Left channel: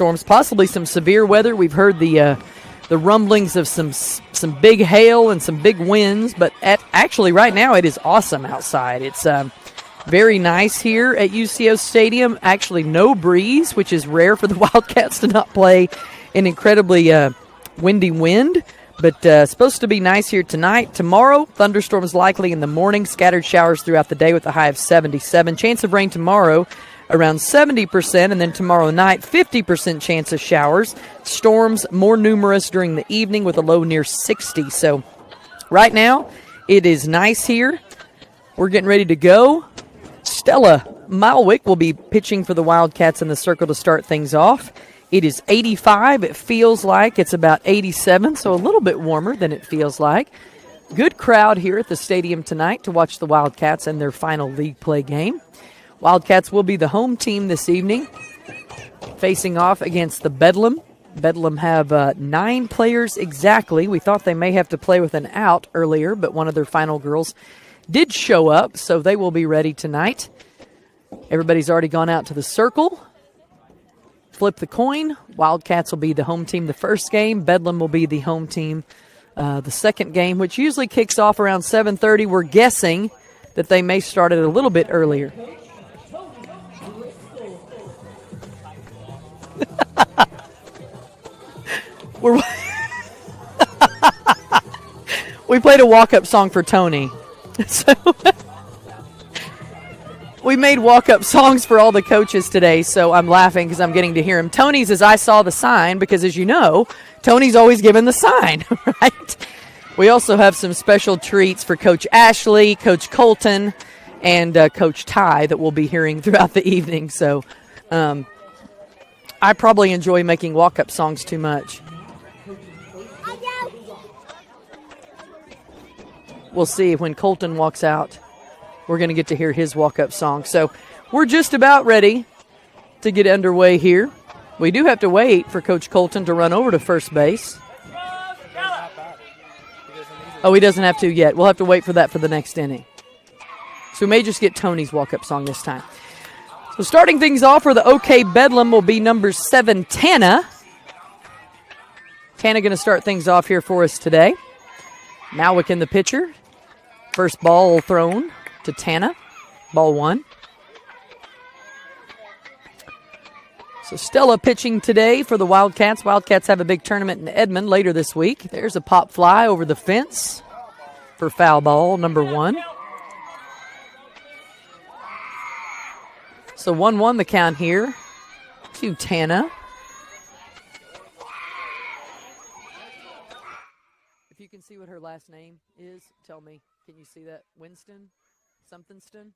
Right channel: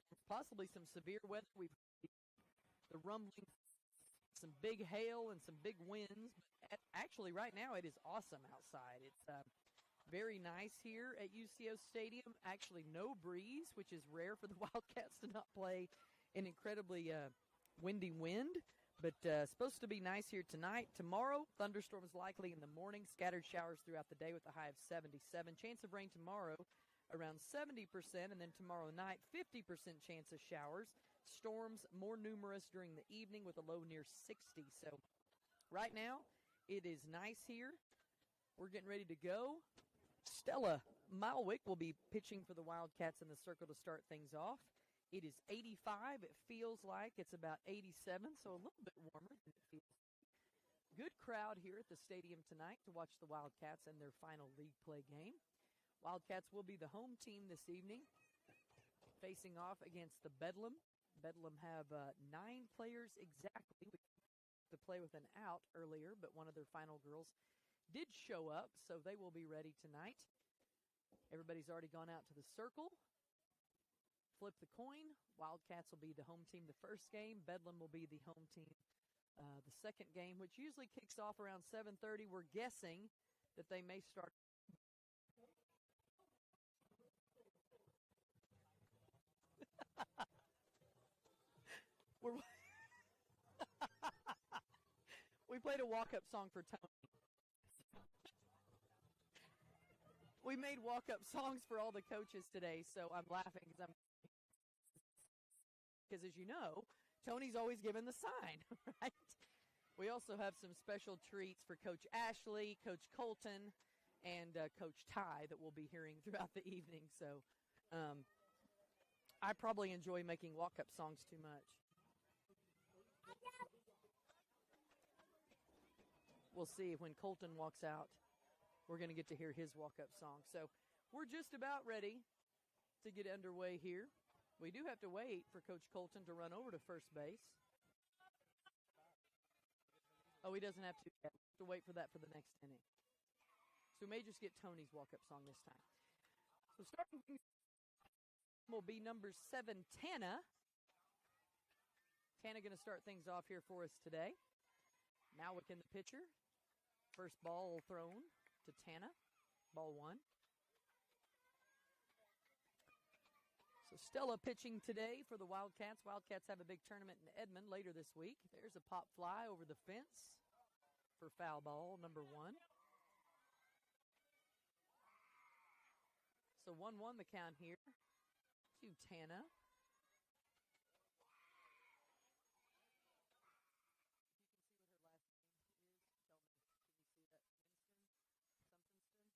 thunderstorms, possibly some severe weather. We've heard the rumblings of some big hail and some big winds, but actually right now it is awesome outside. It's very nice here at UCO Stadium. Actually no breeze, which is rare for the Wildcats to not play an incredibly windy wind. But supposed to be nice here tonight. Tomorrow, thunderstorms likely in the morning, scattered showers throughout the day with a high of 77. Chance of rain tomorrow around 70%, and then tomorrow night, 50% chance of showers. Storms more numerous during the evening with a low near 60. So right now, it is nice here. We're getting ready to go. Stella Malwick will be pitching for the Wildcats in the circle to start things off. It is 85. It feels like it's about 87, so a little bit warmer than it feels like. Good crowd here at the stadium tonight to watch the Wildcats in their final league play game. Wildcats will be the home team this evening, facing off against the Bedlam. Bedlam have 9 players exactly. We thought they may have to play with an out earlier, but one of their final girls did show up, so they will be ready tonight. Everybody's already gone out to the circle. Flip the coin. Wildcats will be the home team the first game. Bedlam will be the home team the second game, which usually kicks off around 7:30. We're guessing that they may start it a little bit earlier. We played a walk-up song for Tony. So we made walk-up songs for all the coaches today, so I'm laughing because I'm getting to hear him. Tony's is I Saw the Sign, because as you know, Tony's always given the sign, right? We also have some special treats for Coach Ashley, Coach Colton, and Coach Ty that we'll be hearing throughout the evening. So I probably enjoy making walk-up songs too much. We'll see when Colton walks out. We're going to get to hear his walk-up song. So we're just about ready to get underway here. We do have to wait for Coach Colton to run over to first base. Oh, he doesn't have to yet. We'll have to wait for that for the next inning. So we may just get Tony's walk-up song this time. So starting things off for the OK Bedlam will be number 7, Tana. Tana going to start things off here for us today. Malwick in the pitcher. First ball thrown to Tana. Ball 1. So Stella pitching today for the Wildcats. Wildcats have a big tournament in Edmond later this week. There's a pop fly over the fence for foul ball number 1. So 1-1 the count here to Tana. If you can see what her last name is, tell me. Can you see that? Winston? Somethingston?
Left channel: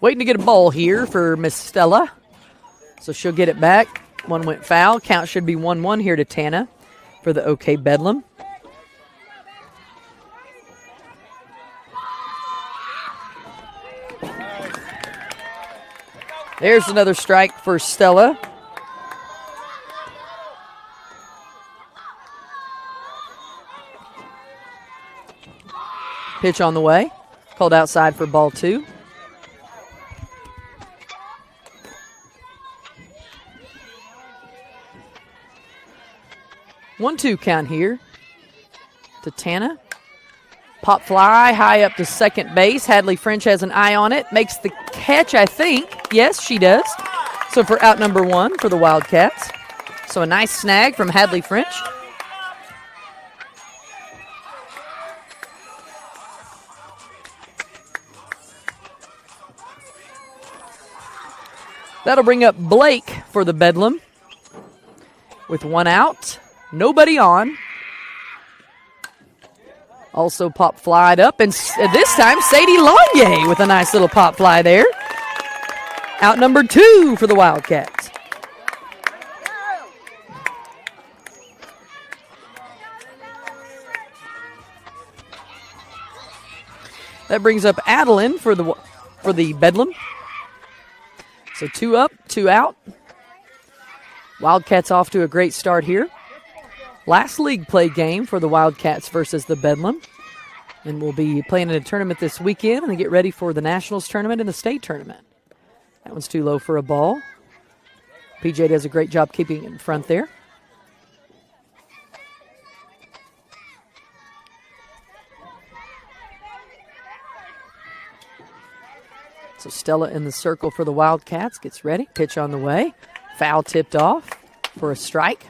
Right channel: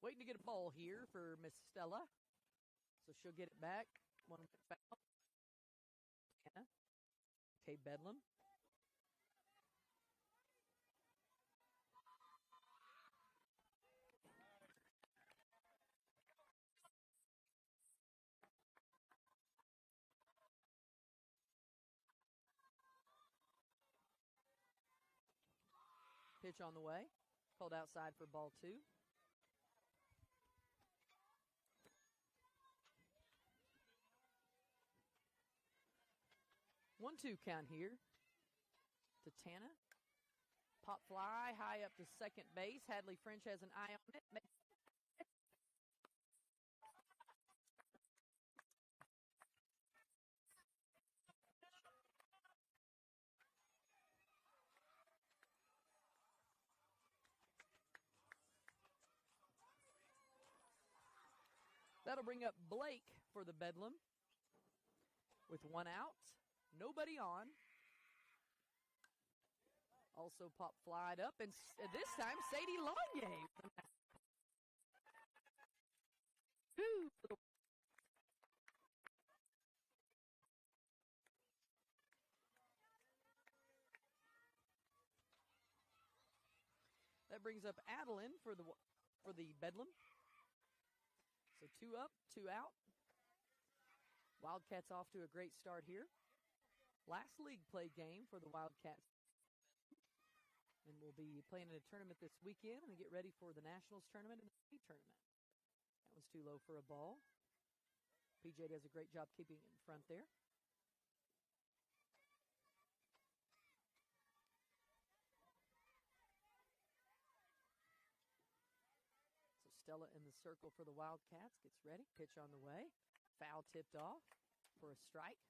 Waiting to get a ball here for Miss Stella. So she'll get it back. One went foul. Count should be 1-1 here to Tana for the OK Bedlam. There's another strike for Stella. Pitch on the way. Called outside for ball 2. One-two count here to Tana. Pop fly high up to second base. Hadley French has an eye on it. Makes the catch, I think. Yes, she does. So for out number 1 for the Wildcats. So a nice snag from Hadley French. That'll bring up Blake for the Bedlam. With 1 out. Nobody on. Also pop flied up, and this time Sadie Lonye with a nice little pop fly there. Out number 2 for the Wildcats. That brings up Adeline for the Bedlam. So 2 up, 2 out. Wildcats off to a great start here. Last league play game for the Wildcats versus the Bedlam. And we'll be playing in a tournament this weekend and get ready for the Nationals tournament and the state tournament. That one's too low for a ball. PJ does a great job keeping it in front there. So Stella in the circle for the Wildcats. Gets ready. Pitch on the way. Foul tipped off for a strike.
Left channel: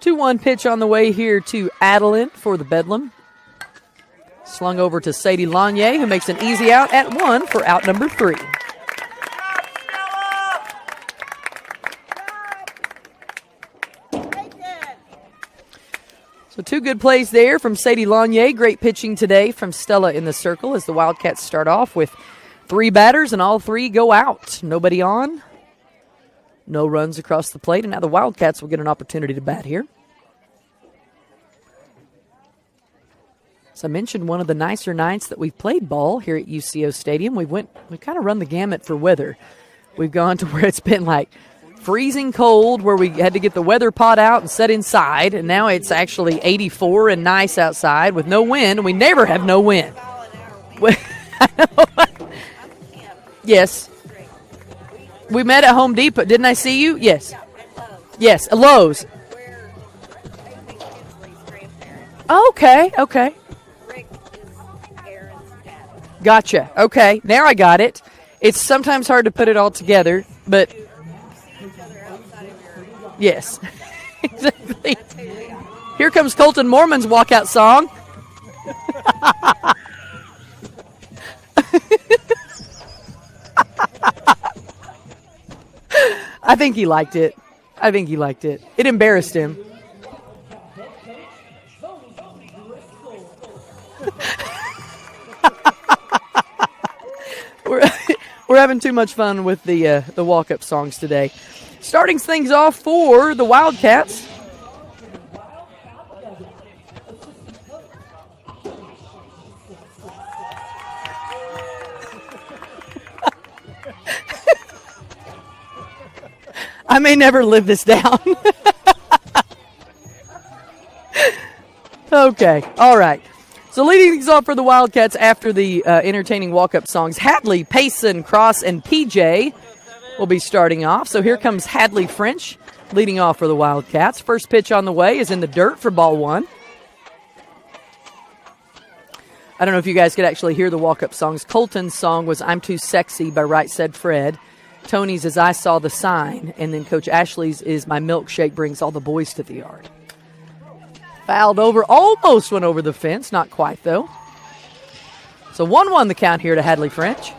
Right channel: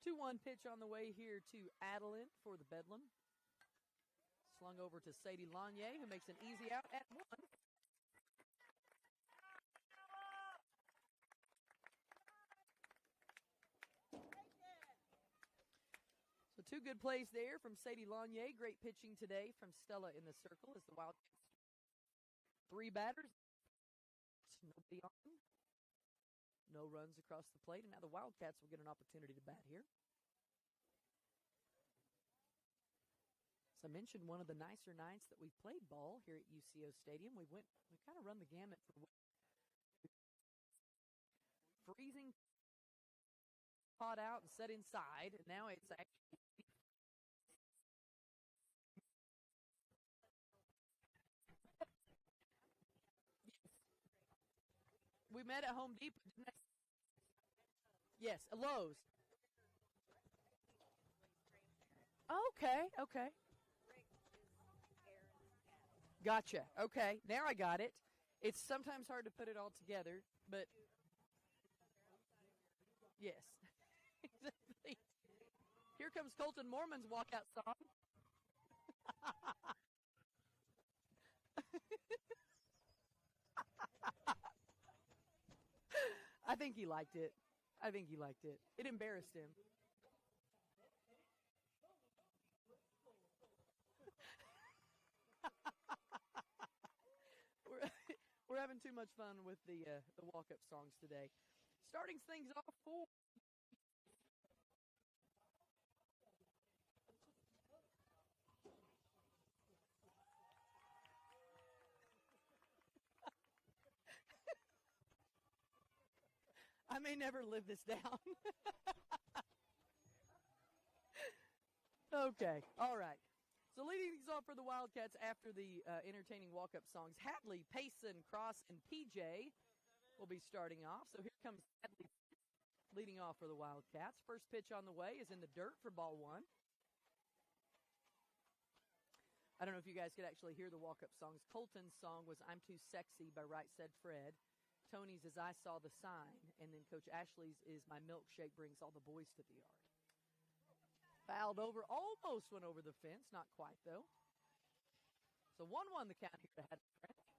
Two-one pitch on the way here to Adeline for the Bedlam. Slung over to Sadie Lanier, who makes an easy out at one for out number 3. So 2 good plays there from Sadie Lanier. Great pitching today from Stella in the circle as the Wildcats start off with 3 batters and all 3 go out. Nobody on. No runs across the plate, and now the Wildcats will get an opportunity to bat here. As I mentioned, one of the nicer nights that we've played ball here at UCO Stadium. We've kind of run the gamut for weather. We've gone to where it's been like freezing cold, where we had to get the weather pot out and set inside, and now it's actually 84 and nice outside with no wind. We never have no wind. Yes. We met at Home Depot. Didn't I see you? Yes. Yes, Lowe's. Okay. Gotcha. Okay, now I got it. It's sometimes hard to put it all together, but yes. Exactly. Here comes Colton Mormon's walkout song. I think he liked it. It embarrassed him. We're having too much fun with the walk-up songs today. Starting things off for the Wildcats. I may never live this down. Okay, all right. So leading things off for the Wildcats after the entertaining walk-up songs, Hadley, Payson, Cross, and PJ will be starting off. So here comes Hadley French leading off for the Wildcats. First pitch on the way is in the dirt for ball 1. I don't know if you guys could actually hear the walk-up songs. Colton's song was I'm Too Sexy by Right Said Fred. Tony's is I Saw the Sign. And then Coach Ashley's is My Milkshake Brings All the Boys to the Yard. Fouled over, almost went over the fence. Not quite, though. So 1-1 the count here to Hadley French.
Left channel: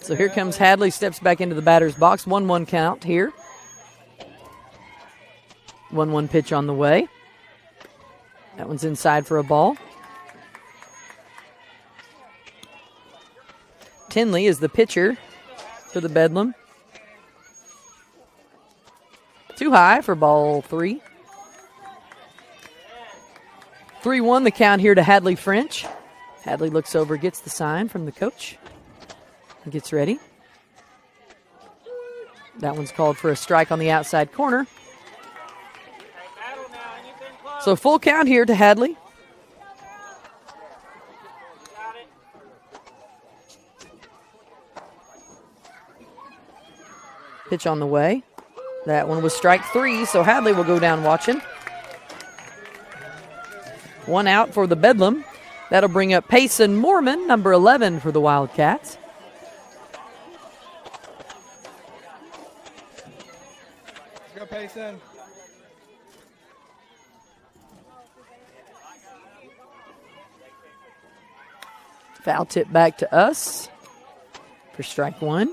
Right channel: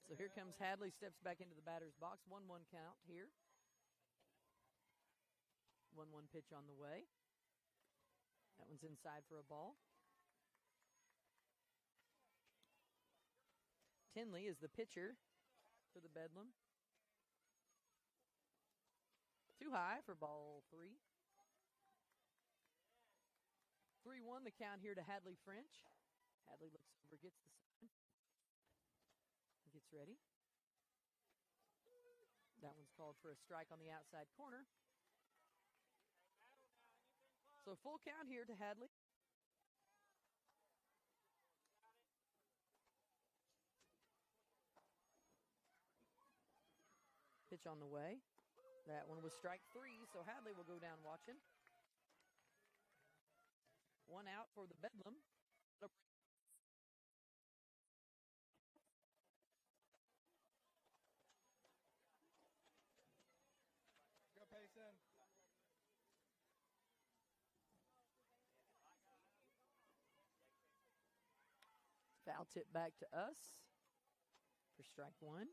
So here comes Hadley, steps back into the batter's box. 1-1 count here. 1-1 pitch on the way. That one's inside for a ball. Tinley is the pitcher for the Bedlam. Too high for ball 3. 3-1 the count here to Hadley French. Hadley looks over, gets the sign from the coach. And gets ready. That one's called for a strike on the outside corner. So full count here to Hadley. Pitch on the way. That one was strike 3, so Hadley will go down watching. 1 out for the Bedlam. That'll bring up Payson Mormon, number 11 for the Wildcats. Let's go, Payson. Foul tip back to us for strike 1.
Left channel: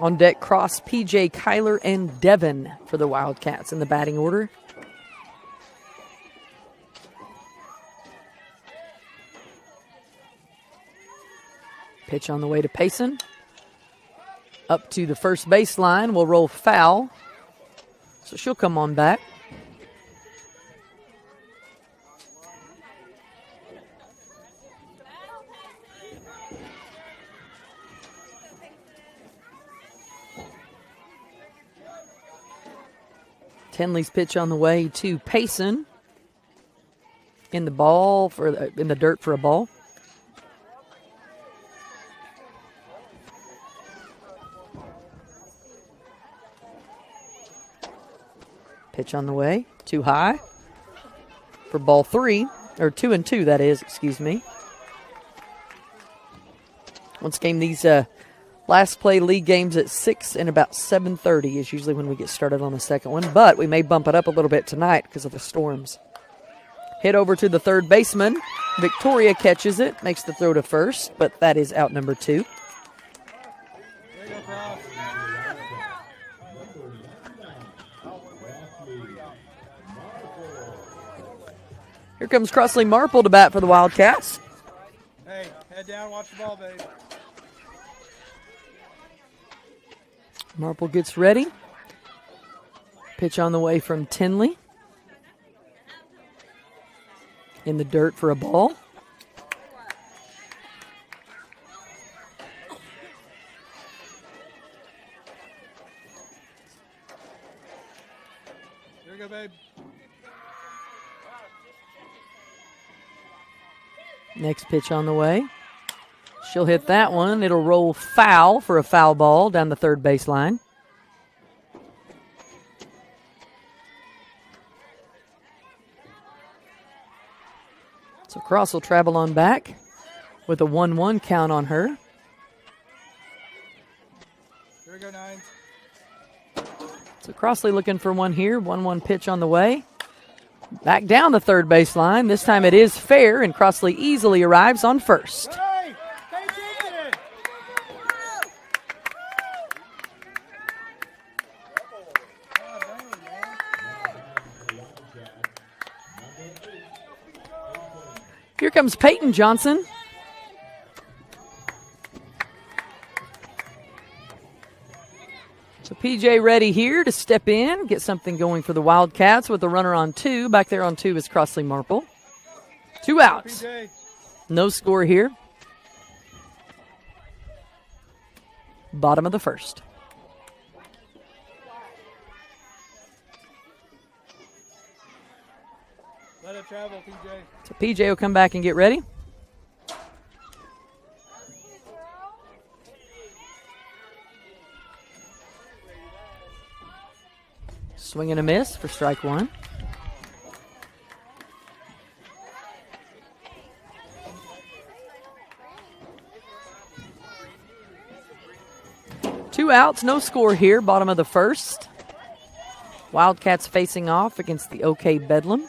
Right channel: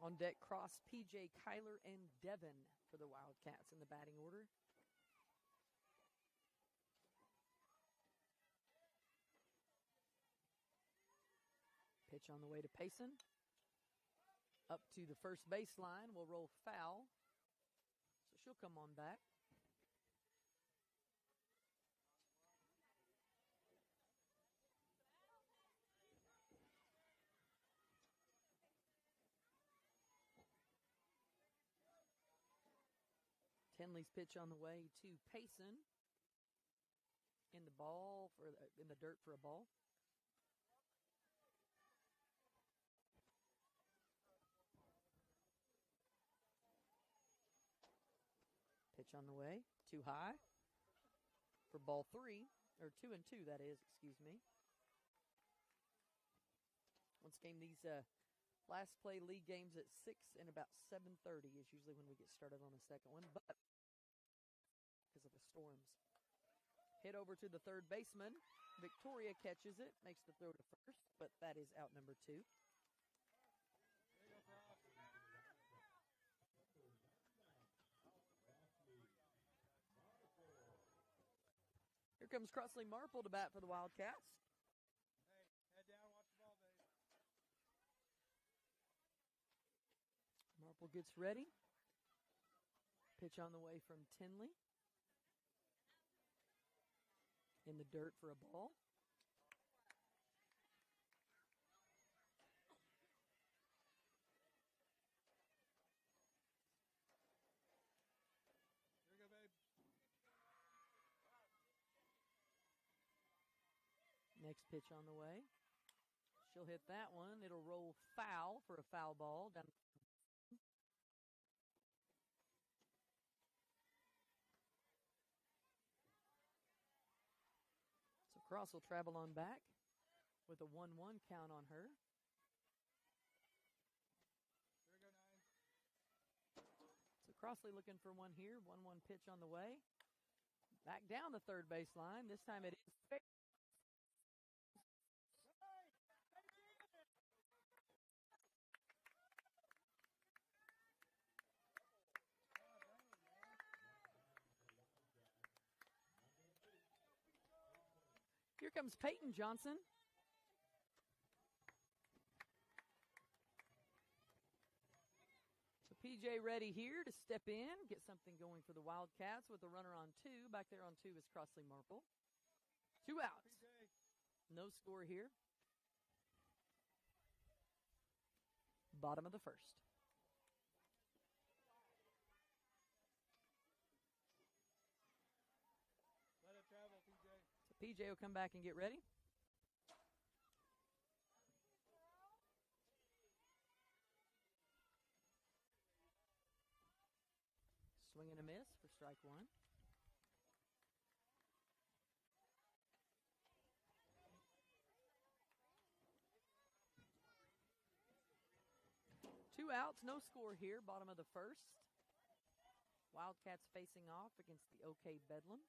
On deck, Cross, PJ, Kyler, and Devin for the Wildcats in the batting order. Pitch on the way to Payson. Up to the first baseline, will roll foul. So she'll come on back. Tenley's pitch on the way to Payson. In the dirt for a ball. Pitch on the way, too high for ball 3, or 2-2 that is, excuse me. Once again, these last play league games at 6 and about 7:30 is usually when we get started on the second one, but we may bump it up a little bit tonight because of the storms. Hit over to the third baseman. Victoria catches it, makes the throw to first, but that is out number 2. Here comes Crossley Marple to bat for the Wildcats. Hey, head down, watch the ball, babe. Marple gets ready. Pitch on the way from Tenley. In the dirt for a ball. Here we go, babe. Next pitch on the way. She'll hit that one. It'll roll foul for a foul ball down the third baseline. So Cross will travel on back with a 1-1 count on her. Here we go, Nines. So Crossley looking for one here. 1-1 pitch on the way. Back down the third baseline. This time it is fair, and Crossley easily arrives on first. Hey, take it. Here comes Peyton Johnson. So PJ ready here to step in, get something going for the Wildcats with a runner on 2. Back there on 2 is Crossley Marple. 2 outs. PJ. No score here. Bottom of the first. Let it travel, PJ. So PJ will come back and get ready. Swing and a miss for strike 1. Two outs, no score here, bottom of the first. Wildcats facing off against the OK Bedlam.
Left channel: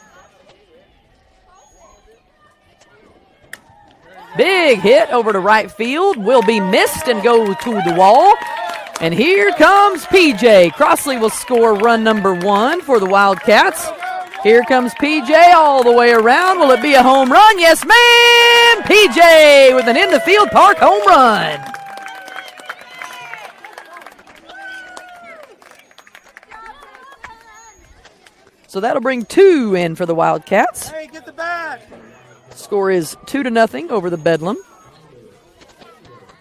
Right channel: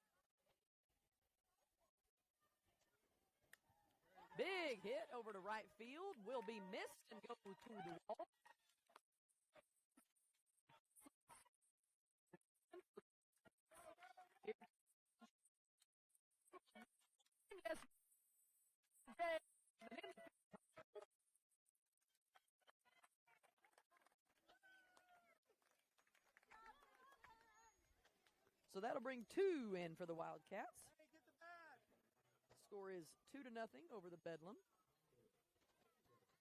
Big hit over to right field, will be missed and go to the wall. And here comes PJ. Crossley will score run number 1 for the Wildcats. Here comes PJ all the way around. Will it be a home run? Yes, ma'am! PJ with an in-the-field park home run. So that'll bring 2 in for the Wildcats. Hey, get the bat. Score is 2-0 over the Bedlam.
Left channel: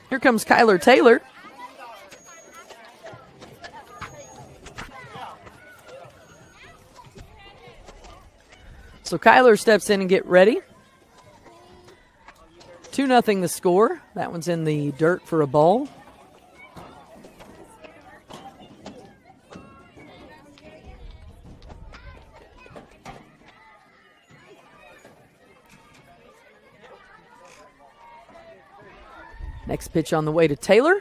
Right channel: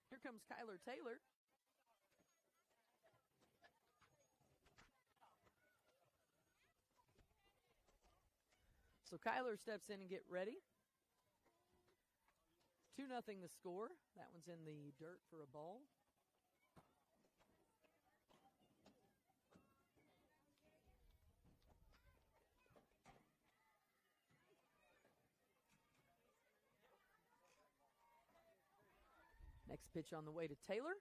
Here comes Kyler Taylor. So Kyler steps in and get ready. 2-0 the score. That one's in the dirt for a ball. Next pitch on the way to Taylor.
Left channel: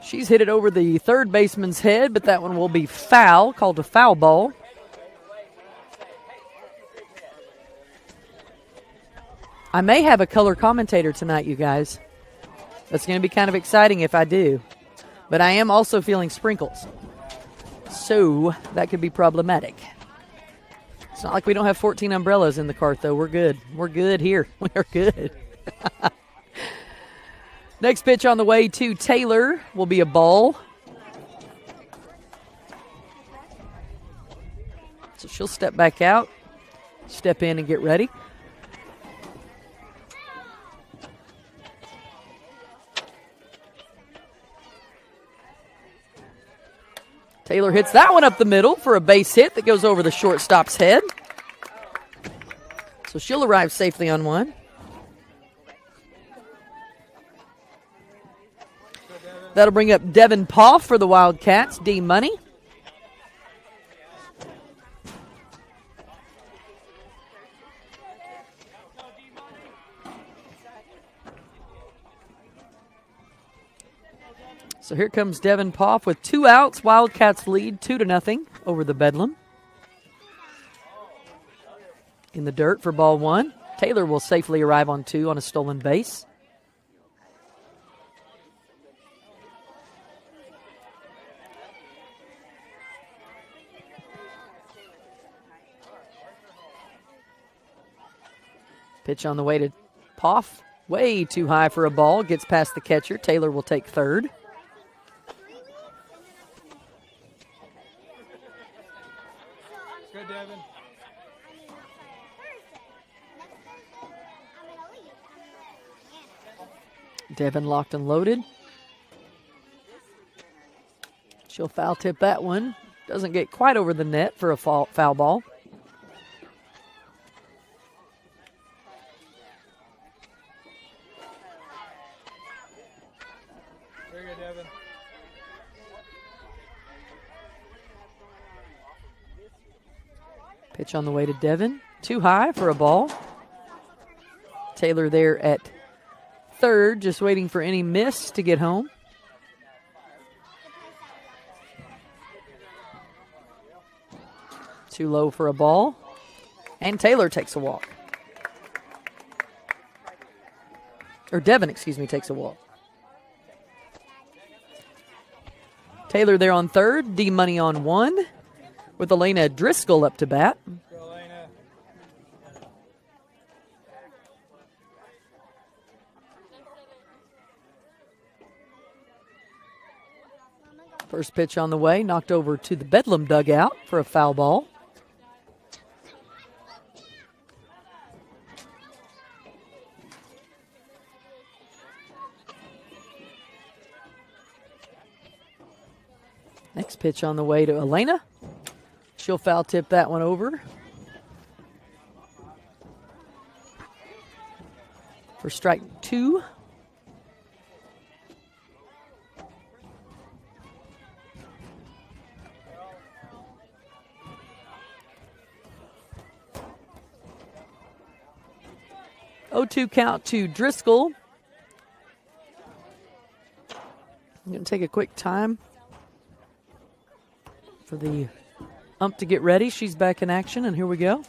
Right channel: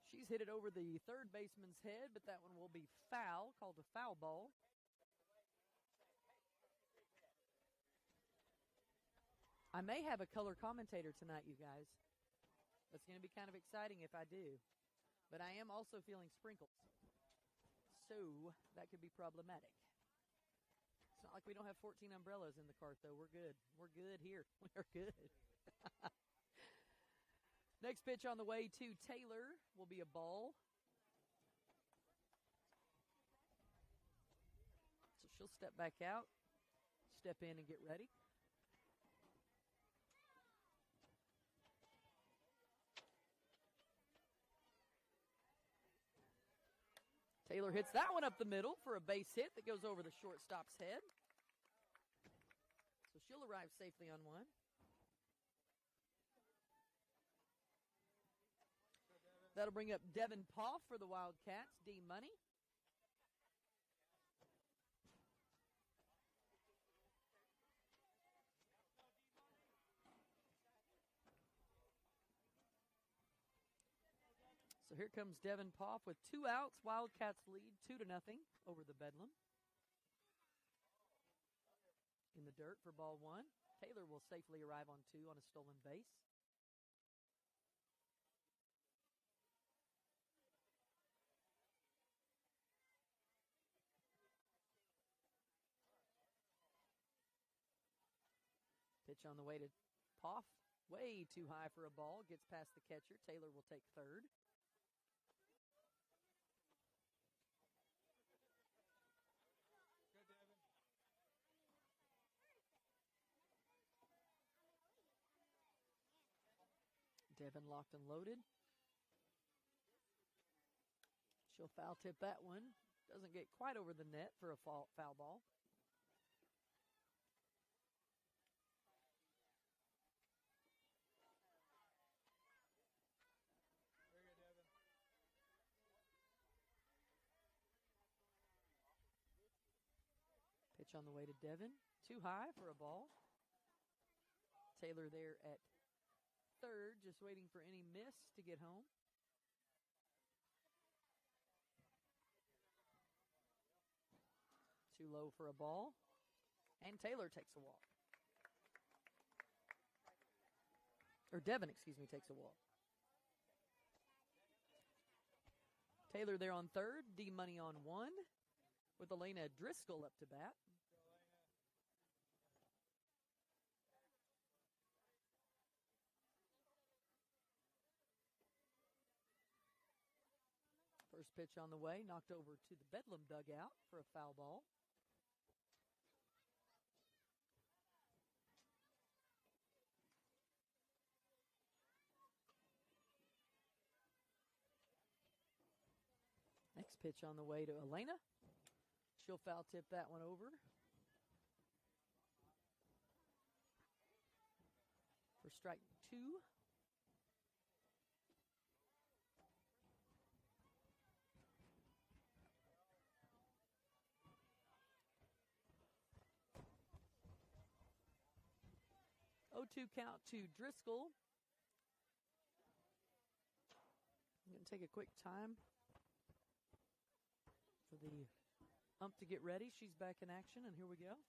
She's hit it over the third baseman's head, but that one will be foul, called a foul ball. I may have a color commentator tonight, you guys. That's going to be kind of exciting if I do. But I am also feeling sprinkles. So that could be problematic. It's not like we don't have 14 umbrellas in the cart, though. We're good. We're good here. We're good. Next pitch on the way to Taylor will be a ball. So she'll step back out, step in and get ready. Taylor hits that one up the middle for a base hit that goes over the shortstop's head. So she'll arrive safely on one. That'll bring up Devin Poff for the Wildcats, D Money. So here comes Devin Poff with 2 outs. Wildcats lead 2-0 over the Bedlam. In the dirt for ball 1. Taylor will safely arrive on 2 on a stolen base. Pitch on the way to Poff. Way too high for a ball. Gets past the catcher. Taylor will take third. Good, Devin. Devin locked and loaded. She'll foul tip that one. Doesn't get quite over the net for a foul ball. Very good, Devin. Pitch on the way to Devin. Too high for a ball. Taylor there at third, just waiting for any miss to get home. Too low for a ball. And Taylor takes a walk. Or Devin, excuse me, takes a walk. Taylor there on third, D Money on 1, with Elena Driscoll up to bat. Go, Elena. First pitch on the way, knocked over to the Bedlam dugout for a foul ball. Next pitch on the way to Elena. She'll foul tip that one over. For strike 2. Oh, 2 count to Driscoll. I'm going to take a quick time for the ump to get ready. She's back in action, and here we go.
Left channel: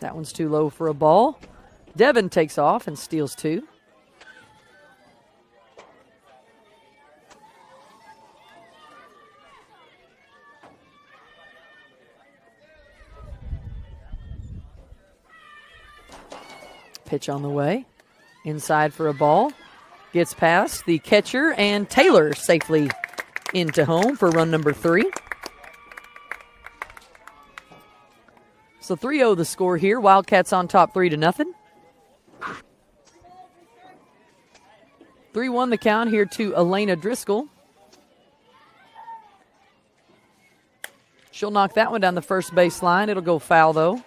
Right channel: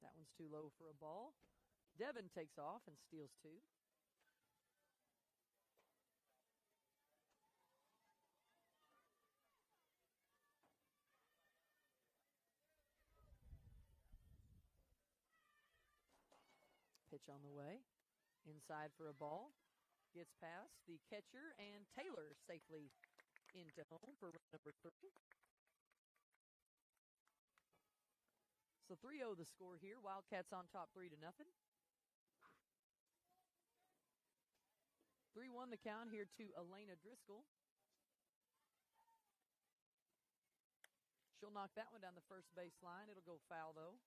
That one's too low for a ball. Devin takes off and steals 2. Pitch on the way. Inside for a ball. Gets past the catcher, and Taylor safely into home for run number 3. So 3-0 the score here. Wildcats on top 3-0. 3-1 the count here to Elena Driscoll. She'll knock that one down the first baseline. It'll go foul, though.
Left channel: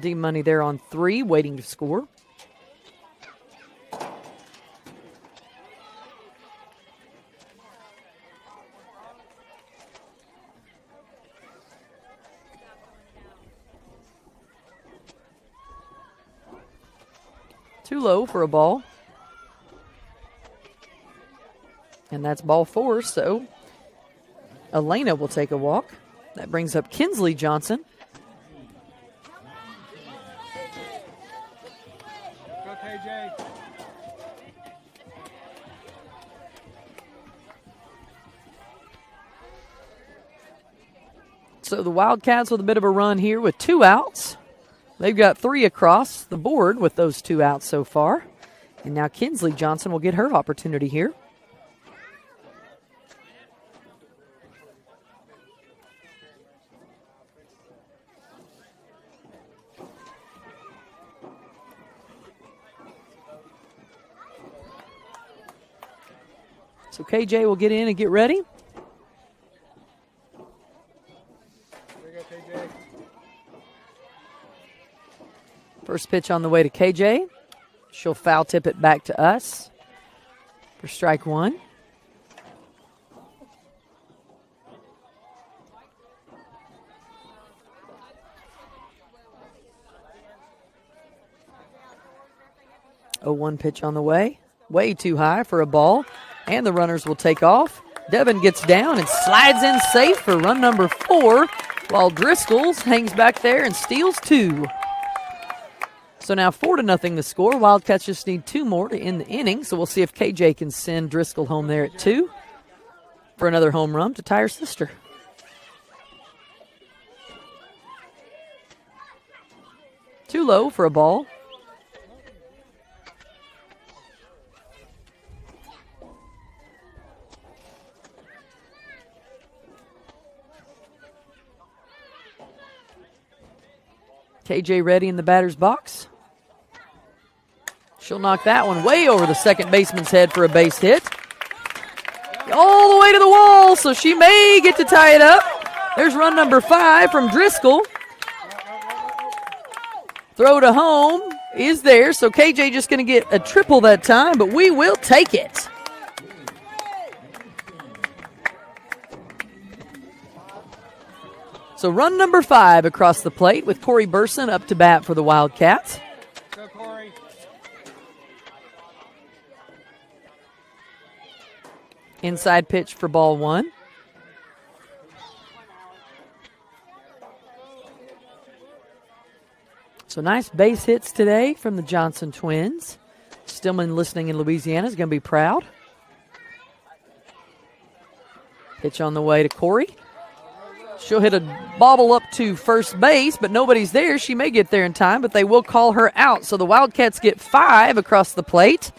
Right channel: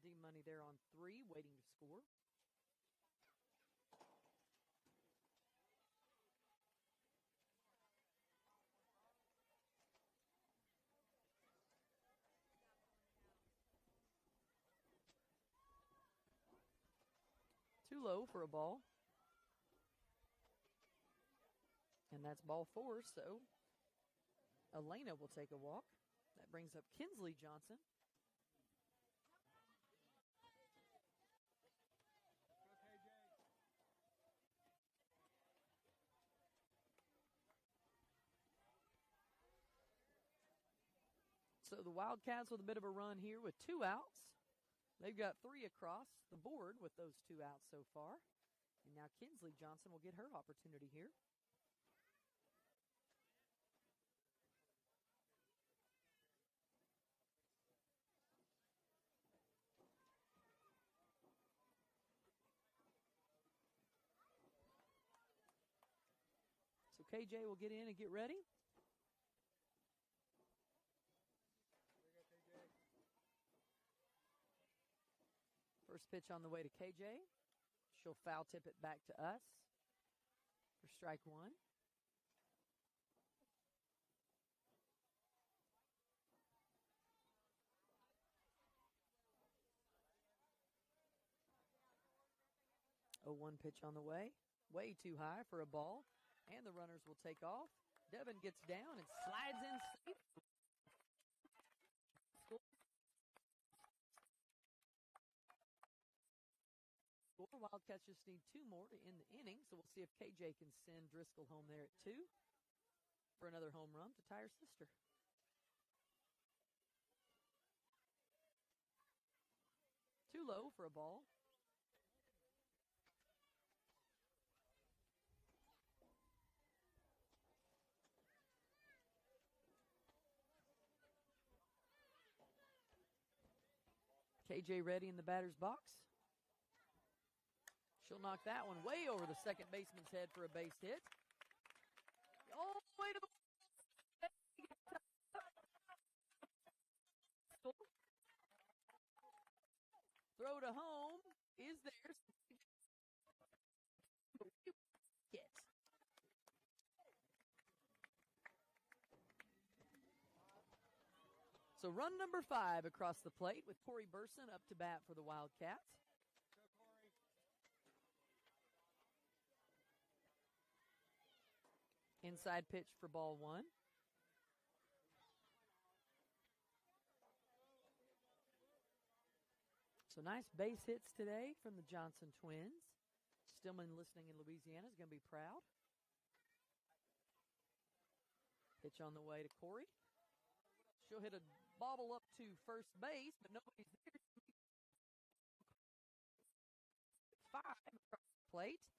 D Money there on 3, waiting to score. Too low for a ball. And that's ball 4, so Elena will take a walk. That brings up Kinsley Johnson. Go, KJ. So the Wildcats with a bit of a run here with 2 outs. They've got 3 across the board with those 2 outs so far. And now Kinsley Johnson will get her opportunity here. So KJ will get in and get ready. There you go, KJ. First pitch on the way to KJ. She'll foul tip it back to us for strike one. Oh, 1 pitch on the way. Way too high for a ball. And the runners will take off. Devin gets down and slides in safe for run number 4, while Driscoll hangs back there and steals 2. So now 4-0 the score. Wildcats just need 2 more to end the inning. So we'll see if KJ can send Driscoll home there at 2 for another home run to tie her sister. Too low for a ball. KJ ready in the batter's box. She'll knock that one way over the second baseman's head for a base hit. All the way to the wall, so she may get to tie it up. There's run number 5 from Driscoll. Throw to home is there, so KJ just going to get a triple that time, but we will take it. So run number 5 across the plate with Corey Burson up to bat for the Wildcats. Go, Corey. Inside pitch for ball 1. So nice base hits today from the Johnson twins. Stillman listening in Louisiana is going to be proud. Pitch on the way to Corey. She'll hit a bobble up to first base, but nobody's there. She may get there in time, but they will call her out. So the Wildcats get 5 across the plate.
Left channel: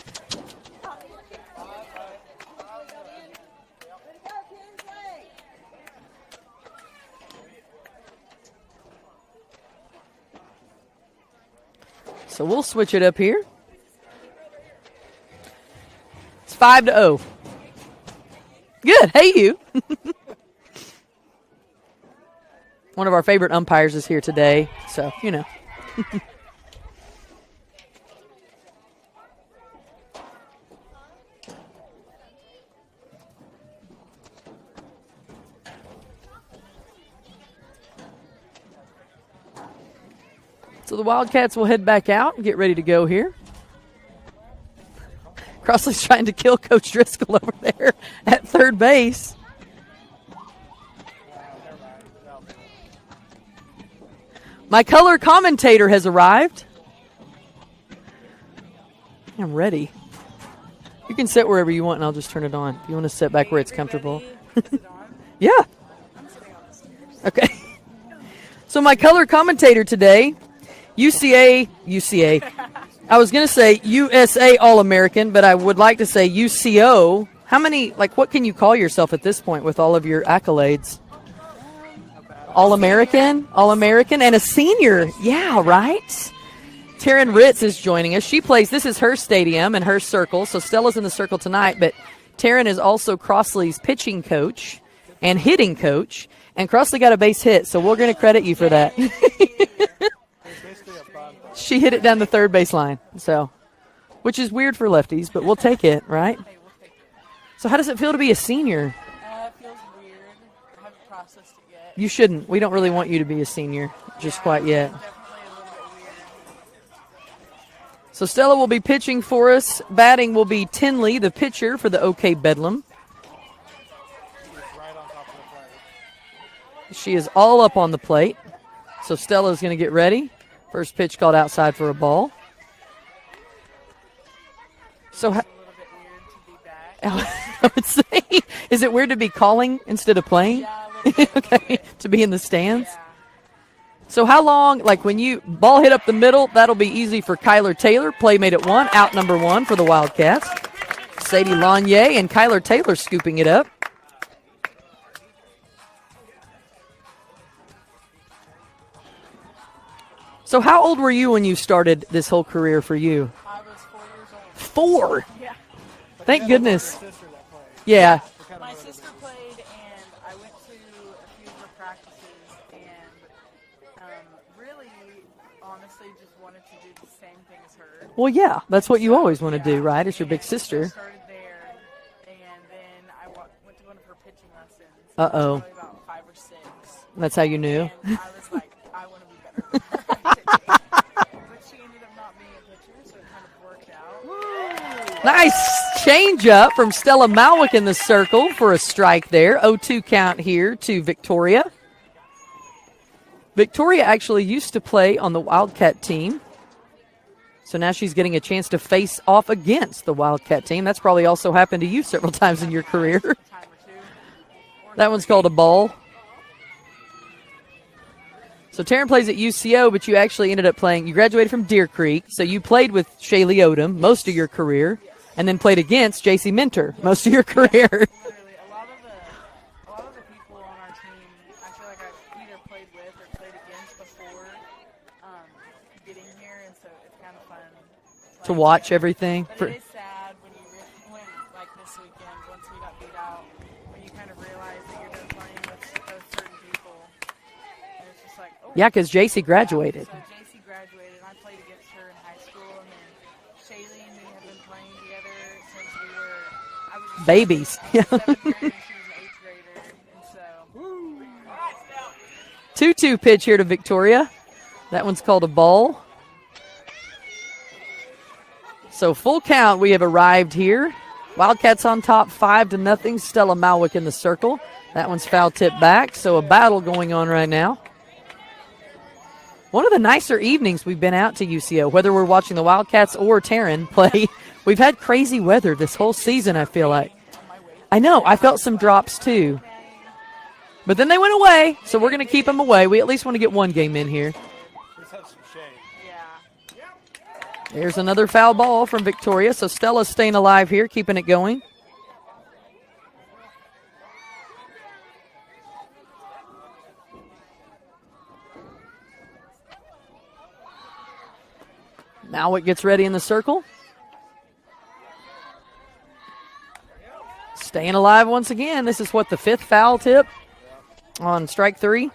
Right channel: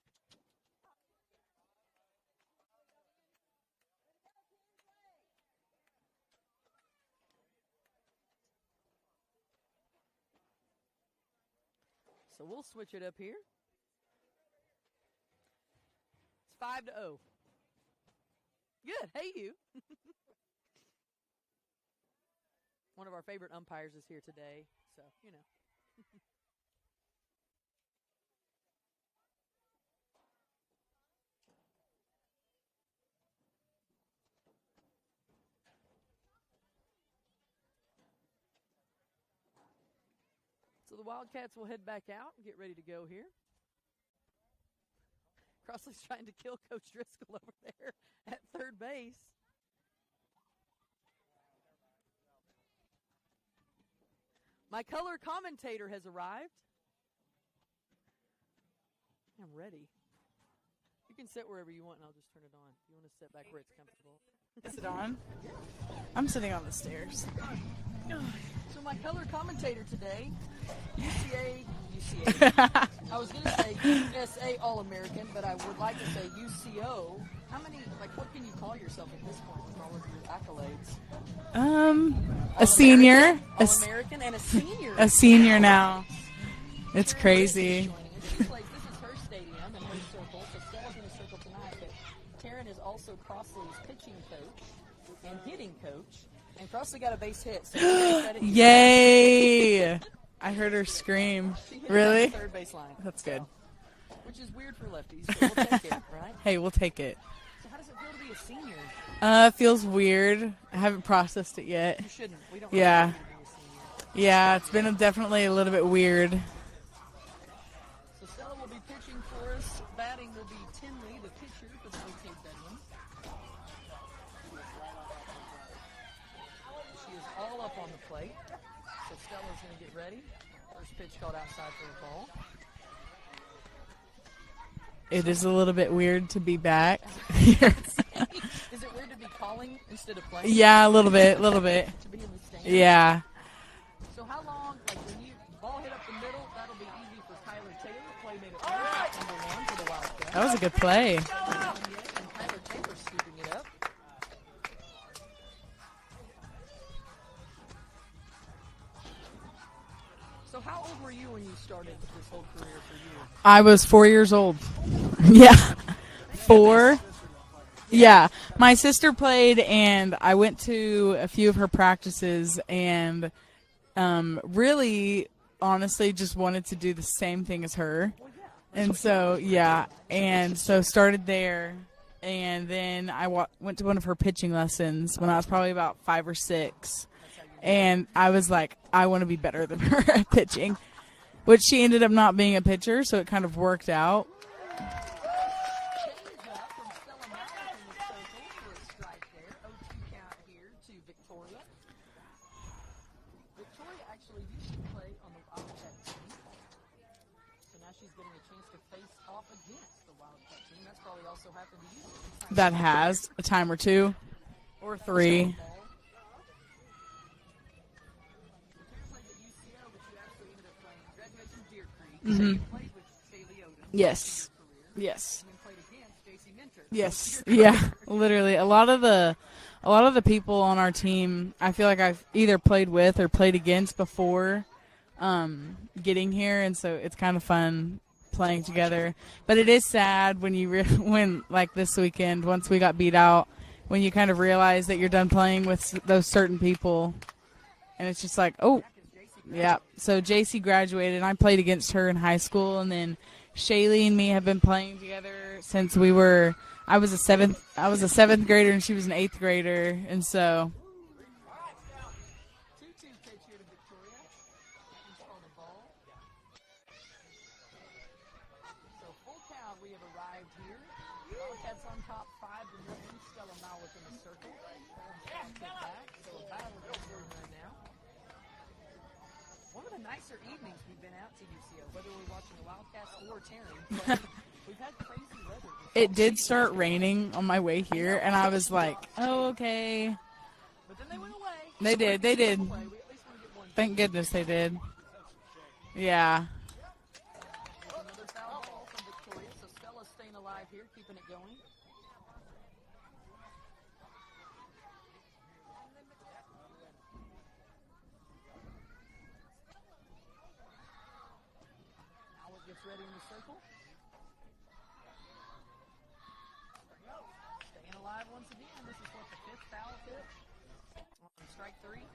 So we'll switch it up here. It's 5-0. Good. Hey, you. One of our favorite umpires is here today, so, you know. So the Wildcats will head back out and get ready to go here. Crossley's trying to kill Coach Driscoll over there at third base. My color commentator has arrived. I'm ready. You can sit wherever you want, and I'll just turn it on. If you want to sit back where it's comfortable. Is it on? Yeah. I'm sitting on the stairs. Okay. So my color commentator today, UCA. I was going to say USA All-American, but I would like to say UCO. How many, what can you call yourself at this point with all of your accolades? All-American, and a senior. A senior yeah, now. right? It's Taryn crazy. Ritz is joining us. She plays, this is her stadium and her circle, so Stella's in the circle tonight, but Taryn is also Crossley's pitching coach and hitting coach, and Crossley got a base hit, so we're going to credit you for that. Yay! I heard her scream. She hit it down the Really? third base line, so, which is weird for lefties, but we'll take it, right? Hey, we'll take it. So how does it feel to be a senior? It feels weird. I haven't processed it yet. You shouldn't. We don't really Yeah. want you to be a senior just yeah, quite it's yet. been definitely a little bit weird. So Stella will be pitching for us. Batting will be Tinley, the pitcher for the OK Bedlam. She is all up on the plate. So Stella's going to get ready. First pitch called outside for a ball. It So is a little bit weird to be back. I would say, is it weird to be calling instead of playing? Yeah, a little bit, a little bit. To be in the stands? Yeah. So how long, when you ball hit up the middle, that'll be easy for Kyler Taylor. Play made at 1, out number 1 for the Wildcats. That was a good play. Sadie Lanier and Kyler Taylor scooping it up. So how old were you when you started this whole career for you? I was 4 years old. 4. Yeah. Thank 4. goodness. Yeah. My sister played, and I went to a few of her practices, and really, honestly, just wanted to do the same thing as her. Well, yeah, that's And what you so, always want to do, yeah, right? As your big and sister. So started there, and then I went to one of her pitching lessons when I was Uh-oh. probably about 5 or 6. That's how you knew. And I was like, I want to be better than her at pitching. Which she ended up not being a pitcher, so it kind of worked out. Nice change up from Stella Malwick in the circle for a strike there. 0-2 count here to Victoria. Victoria actually used to play on the Wildcat team. So now she's getting a chance to face off against the Wildcat team. That's probably also happened to you several times in your career. A time or two. Or That one's 3. called a ball. So Taryn plays at UCO, but you actually ended up playing. You graduated from Deer Creek, so you played with Shaylee Odom most of your career. Yes. And then played against JC Minter Yes. most of your career. Yeah, literally, a lot of the people on our team, I feel like I've either played with or played against before getting here, and so it's kind of fun playing To watch together. everything. But it is sad when you when like this weekend, once we got beat out, when you kind of realize that you're done playing with those certain people. And it's just like, oh. Yeah, because JC graduated. Yeah. So JC graduated, and I played against her in high school. And then Shaylee and me have been playing together since we were – I was a babies. I was a 7th grader, and she was an 8th grader. And so – 2-2 pitch here to Victoria. That one's called a ball. So full count, we have arrived here. Wildcats on top 5-0. Stella Malwick in the circle. That one's foul tip back, so a battle going on right now. One of the nicer evenings we've been out to UCO, whether we're watching the Wildcats or Taryn play. We've had crazy weather this whole season, I feel like. On my way here, I know. I felt was some like, drops, too. Oh, okay. But then they went away, They so we're did, going to they keep them did. away. We at least want to get one game Thank in here. goodness They did. Let's have some shade. Yeah. There's another foul ball from Victoria, so Stella's staying alive here, keeping it going. Now it gets ready in the circle. Staying alive once again. This is what, the 5th foul tip on strike 3.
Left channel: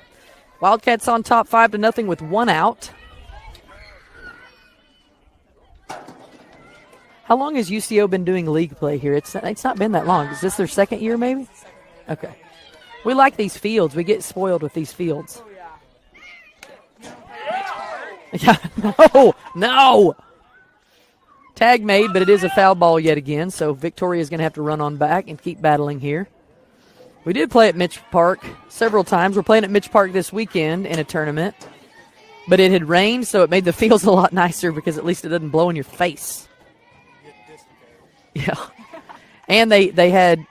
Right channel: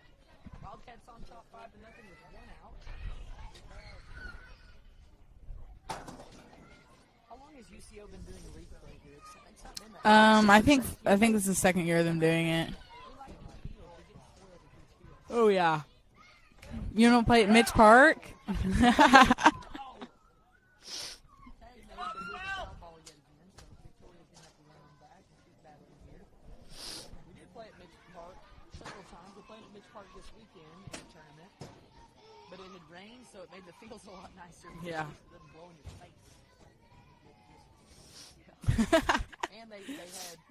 Wildcats on top 5-0 with 1 out. How long has UCO been doing league play here? It's not been that long. Is this their second year, I think maybe? this is the second year of them doing it. We like these fields. We get spoiled with these fields. Oh, yeah. You don't play at Mitch Park? Yeah. No, no. Tag made, but it is a foul ball yet again, so Victoria's going to have to run on back and keep battling here. We did play at Mitch Park several times. We're playing at Mitch Park this weekend in a tournament, but it had rained, so it made the fields a lot nicer because at least it doesn't blow in your face. Yeah. And they had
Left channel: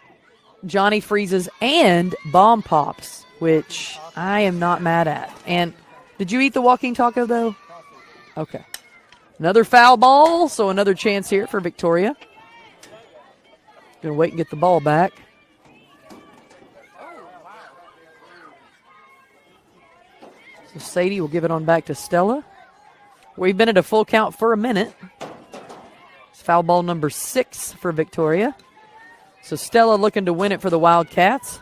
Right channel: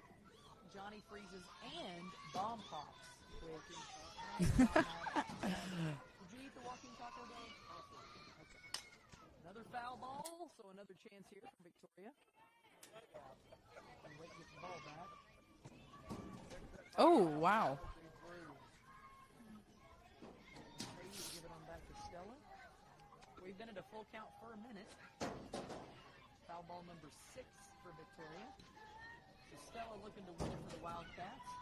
Johnny Freezes and Bomb Pops, which I am not mad at. And did you eat the walking taco, though? Okay. Another foul ball, so another chance here for Victoria. Going to wait and get the ball back. Oh, wow. So Sadie will give it on back to Stella. We've been at a full count for a minute. It's foul ball number 6 for Victoria. So Stella looking to win it for the Wildcats.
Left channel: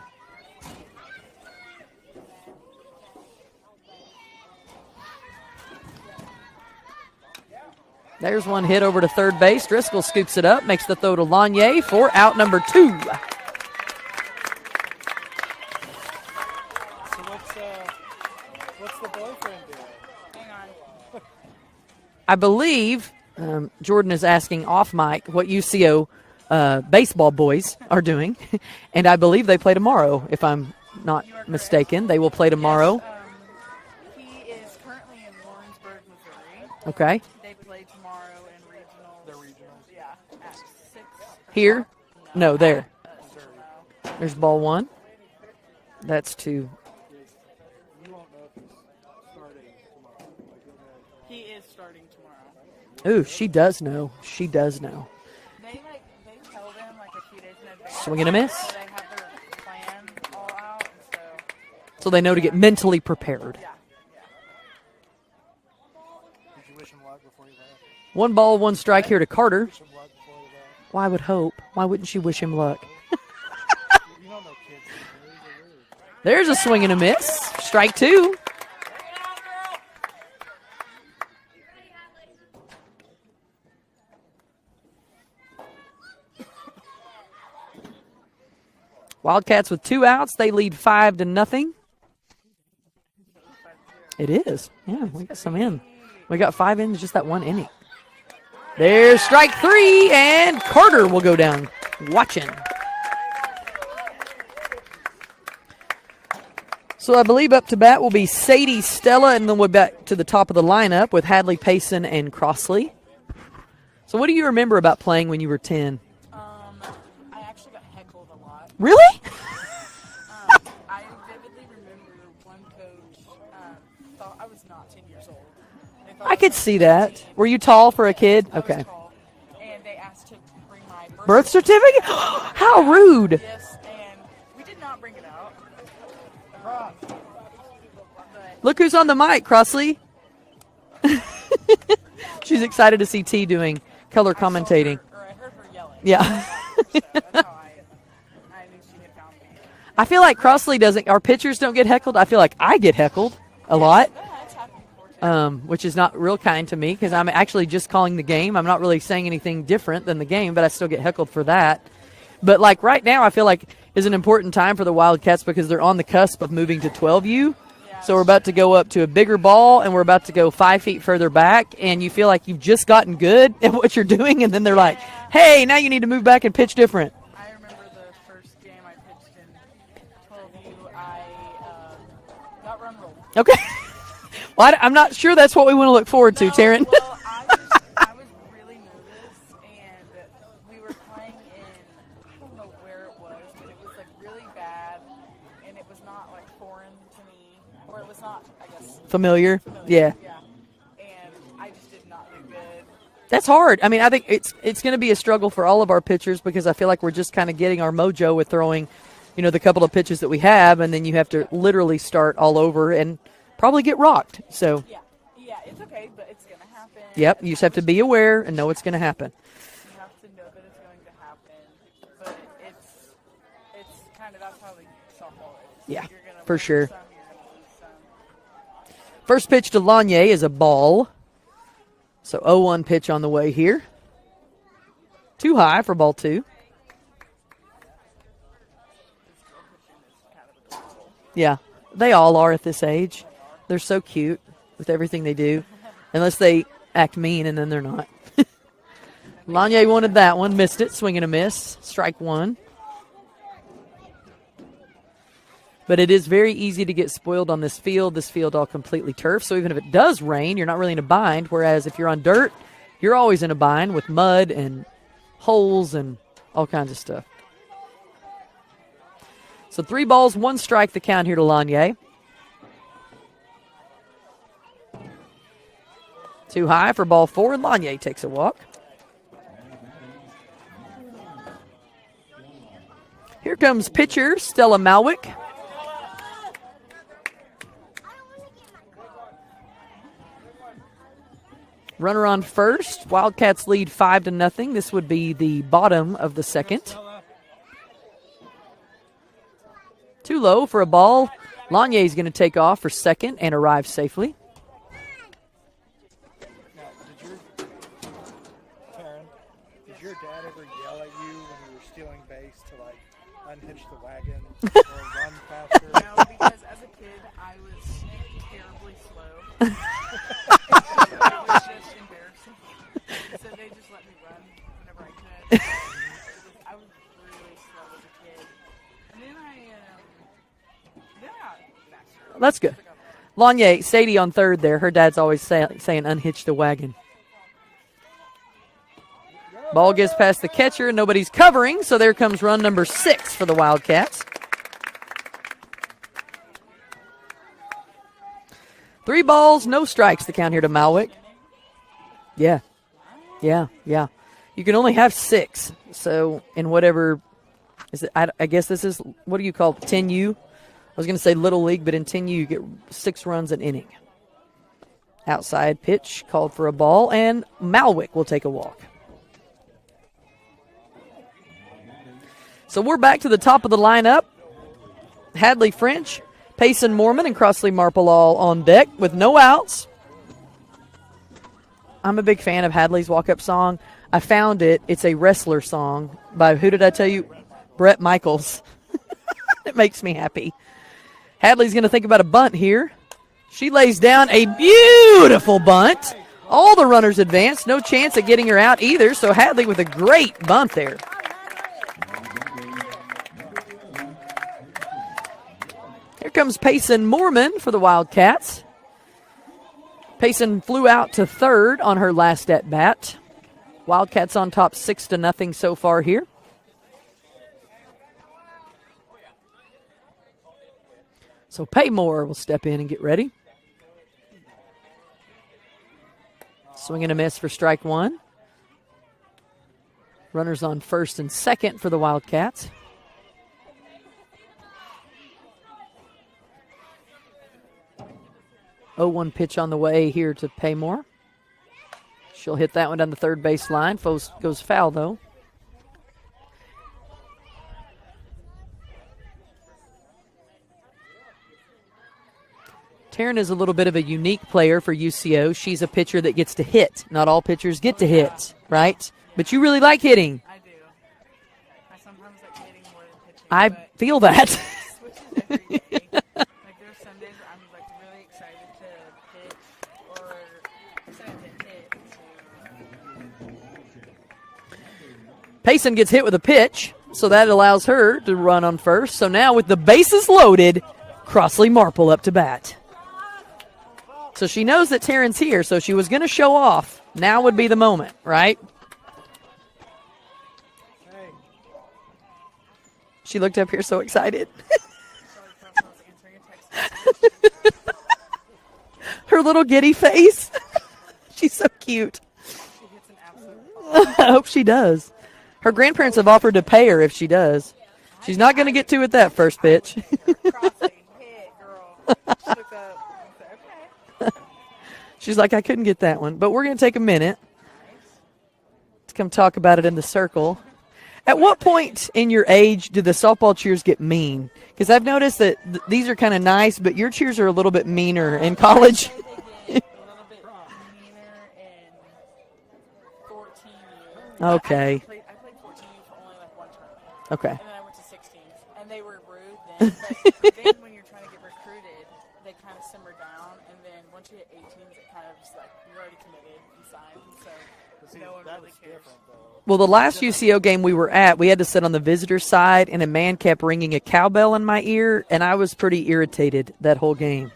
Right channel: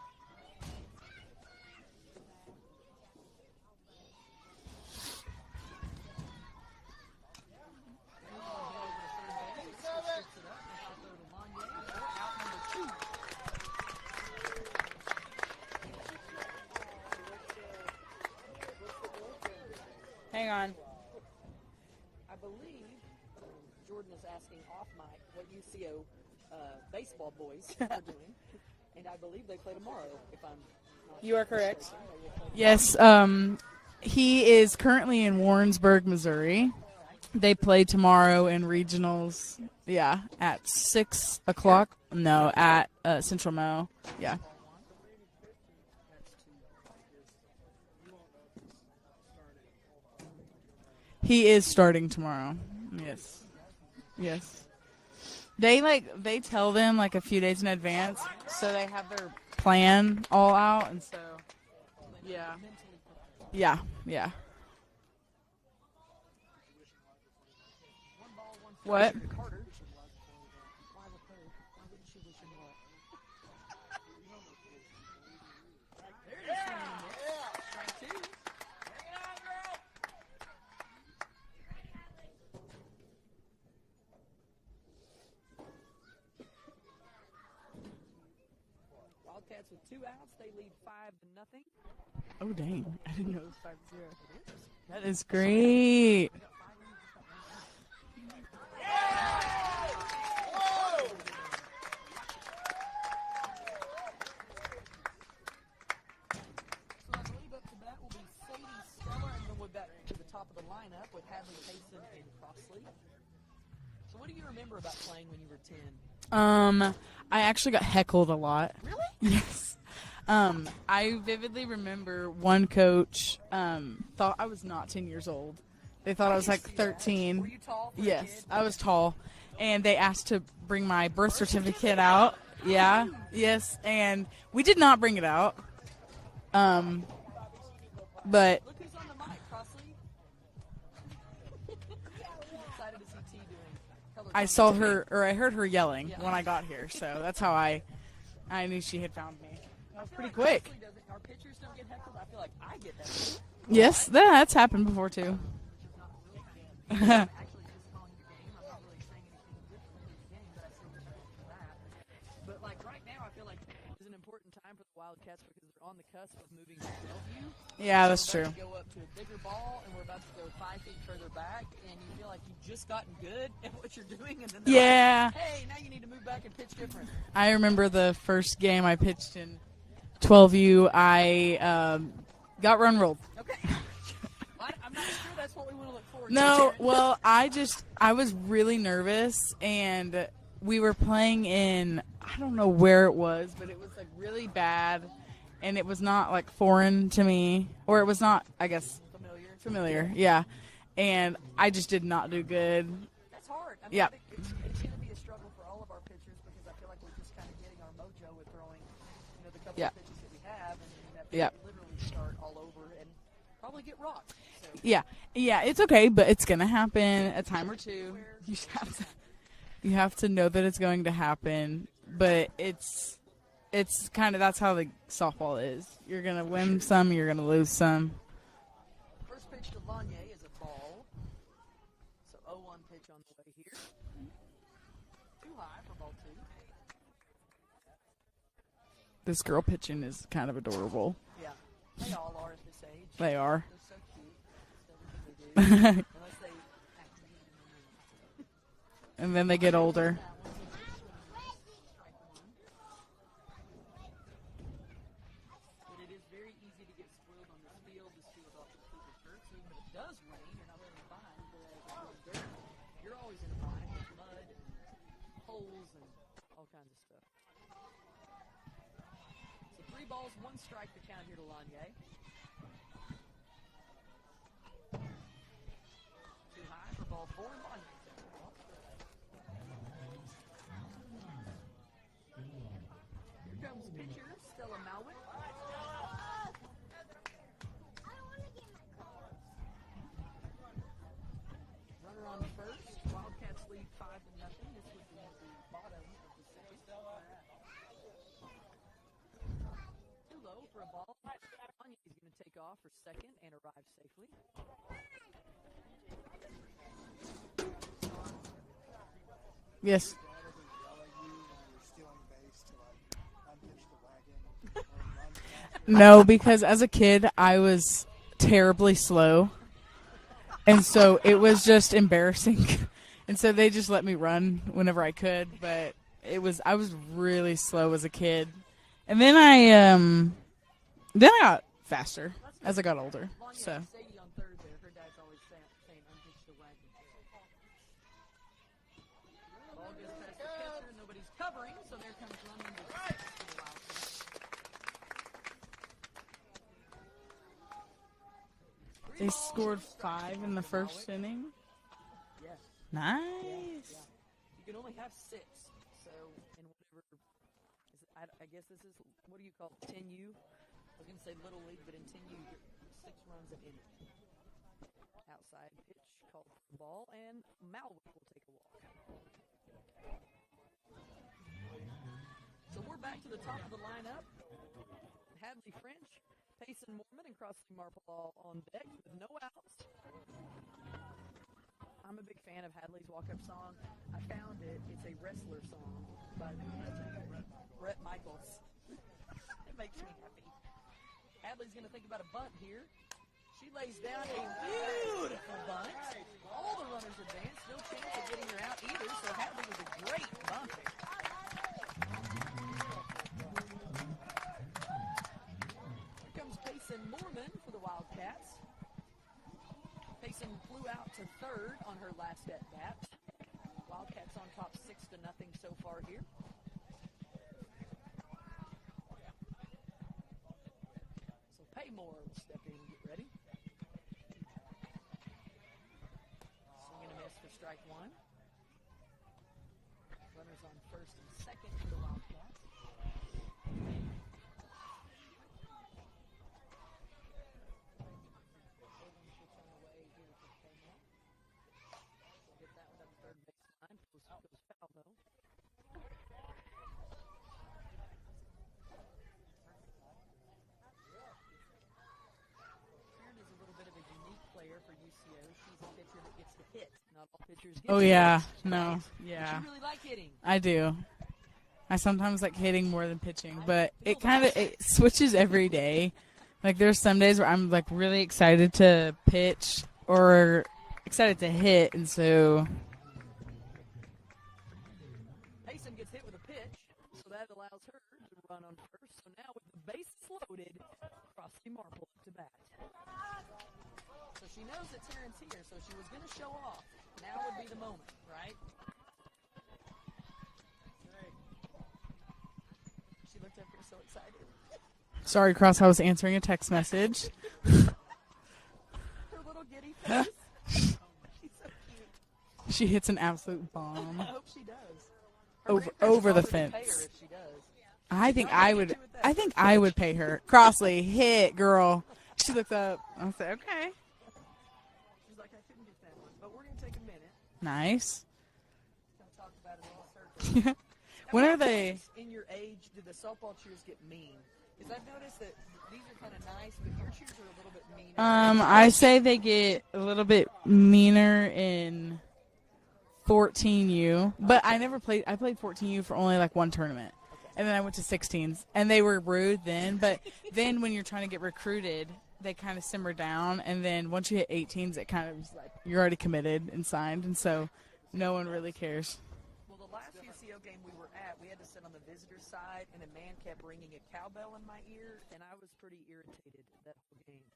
There's one hit over to third base. Driscoll scoops it up, makes the throw to Lanier for out number 2. So what's the boyfriend doing? Hang on. I believe Jordan is asking off mic what UCO baseball boys are doing, and I believe they play tomorrow, if I'm not mistaken. They will play tomorrow. Yes, he is currently in Warrensburg, Missouri. Okay. They play tomorrow in regionals. Yeah, at 6 o'clock. Here? No, there. At Central Mo. There's Yeah. ball 1. That's 2. You won't know if he's starting tomorrow. He is starting tomorrow. Ooh, she does know. Yes. She does know. They tell them like a few days in advance. Swing and a miss. So they have their plan all out, and So they know to get mentally prepared. yeah. Did you wish him luck before you left? 1 ball, 1 strike What? here to Carter. Wish him luck before you left. Well, I would hope. Why wouldn't she wish him luck? There's a swing and a miss. Strike 2. Wildcats with 2 outs. They lead 5-0. Oh, dang. I didn't know it was 5-0. It is. Yeah, It's we got some in. great. We got 5 in just that one inning. There's strike 3, and Carter will go down watching. So I believe up to bat will be Sadie, Stella, and then we'll back to the top of the lineup with Hadley, Payson, and Crossley. So what do you remember about playing when you were 10? I actually got heckled a lot. Really? I vividly remember one coach thought I was not 10 years old. They thought I I was could like see 13. that. Were you tall for a Yes, kid? I was tall. And they asked to bring my birth Birth certificate certificate? out. How Yeah. rude. Yes, and we did not bring it out. But Look who's on the mic, Crossley. She's excited to see T doing color commentating. I heard her yelling Yeah. when I got here, so that's how I knew she had found me. I feel like Great. Crossley doesn't. Our pitchers don't get heckled. I feel like I get heckled a lot, That's happened before too. which is not real kind to me because I'm actually just calling the game. I'm not really saying anything different than the game, but I still get heckled for that. But like right now, I feel like is an important time for the Wildcats because they're on the cusp of moving to 12U. Yeah, So we're about to go up to a bigger ball, and we're about to go 5 feet further back, and you feel like you've just gotten good at what you're doing, and then they're Yeah. like, hey, now you need to move back and pitch different. I remember the first game I pitched in 12U. I got run rolled. Okay. Well, I'm not sure that's what we want to look forward to, Taryn. Well, I was really nervous, and we were playing in, I don't know where it was, but it was like really bad, and it was not like foreign to me, or it was not, I guess, Familiar? familiar. Yeah. Yeah. And I just did not do good. That's hard. I mean, I think it's going to be a struggle for all of our pitchers because I feel like we're just kind of getting our mojo with throwing, the couple of pitches that we have, and then you have to literally start all over and probably get rocked. So, Yeah, it's okay, but it's going to happen. yep, a you just time have to or be two. aware and know it's going to happen. You have to know that it's going to happen, but it's kind of, that's how the softball is. Yeah, you're going to for win sure. some, you're going to lose some. First pitch to Lanier is a ball. So 0-1 pitch on the way here. Too high for ball 2. This girl pitching is kind of adorable. Yeah, they all are at this age. They are. They're so cute with everything they do, unless they act mean, and then they're not. And then they Lanier get older. wanted that one, missed it, swing and a miss, strike 1. But it is very easy to get spoiled on this field. This field all completely turf, so even if it does rain, you're not really in a bind, whereas if you're on dirt, you're always in a bind with mud and holes and all kinds of stuff. So 3 balls, 1 strike, the count here to Lanier. Too high for ball 4, and Lanier takes a walk. Here comes pitcher Stella Malwick. Runner on first. Wildcats lead 5-0. This would be the bottom of the second. Too low for a ball. Lanier is going to take off for second and arrive safely. Now, did Taryn, Yes. did your dad ever yell at you when you were stealing base to like unhitch the wagon or run faster? No, because as a kid, I was terribly slow. And so it was just embarrassing. And so they just let me run whenever I could. But I was really slow as a kid. And then I got faster. That's good. As I got older. Lanier, Sadie on third there. Her dad's always saying unhitch the wagon. Ball gets past the catcher, and nobody's covering, so there comes run number 6 for the Wildcats. 3 balls, no strikes, the count here to Malwick. Yeah, Nice. yeah. You can only have 6, so in whatever, is it? I guess this is, what do you call it, 10U? I was going to say Little League, but in 10U you get 6 runs an inning. Outside pitch called for a ball, and Malwick will take a walk. So we're back to the top of the lineup. Hadley French, Payson Mormon, and Crossley Marple all on deck with no outs. I'm a big fan of Hadley's walk-up song. I found it. It's a wrestler song by, who did I tell you? Brett Michaels. It makes me happy. Hadley's going to think about a bunt here. She lays down a beautiful bunt. All the runners advance. No chance of getting her out either, so Hadley with a great bunt there. Here comes Payson Mormon for the Wildcats. Payson flew out to third on her last at-bat. Wildcats on top 6-0 so far here. So Paymore will step in and get ready. Swing and a miss for strike one. Runners on first and second for the Wildcats. Oh, 1 pitch on the way here to Paymore. She'll hit that one down the third base line. Goes foul, though. Taryn is a little bit of a unique player for UCO. She's a pitcher that gets to hit. Not all pitchers get to hit, right? Yeah. But you really like hitting. I do. I sometimes like hitting more than pitching. I feel that. It switches every day. Like there's some days where I'm like really excited to pitch or excited to hit, and so Payson gets hit with a pitch, so that allows her to run on first. So now with the bases loaded, Crossley Marple up to bat. So she knows that Taryn's here, so she was going to show off. Now would be the moment, right? She looked up here so excited. Sorry, Cross, I was answering a text message. Her little giddy face. She's so cute. She hits an absolute ball. I hope she does. Her grandparents have over the offered to fence. pay her if she does. She's not going to get would- to it that I first think pitch. I would pay her. Crossley, hit, girl. She looks up. I said, okay. She's like, I couldn't get that one. But we're going to take a minute Nice. to come talk about it in the circle. At What what are they? point in your age do the softball cheers get mean? Because I've noticed that these are kind of nice, but your cheers are a little bit meaner in I'd college. say they get a little bit meaner in 14U. But Okay. I played 14U for only like one tournament. Okay. And then I went to 16s. And they were rude then. But then when you're trying to get recruited, they kind of simmer down. And then once you hit 18s, it kind of is like you're already committed and signed. And so no one really cares. Well, the last UCO game we were at, we had to sit on the visitor side, and a man kept ringing a cowbell in my ear, and I was pretty irritated that whole game.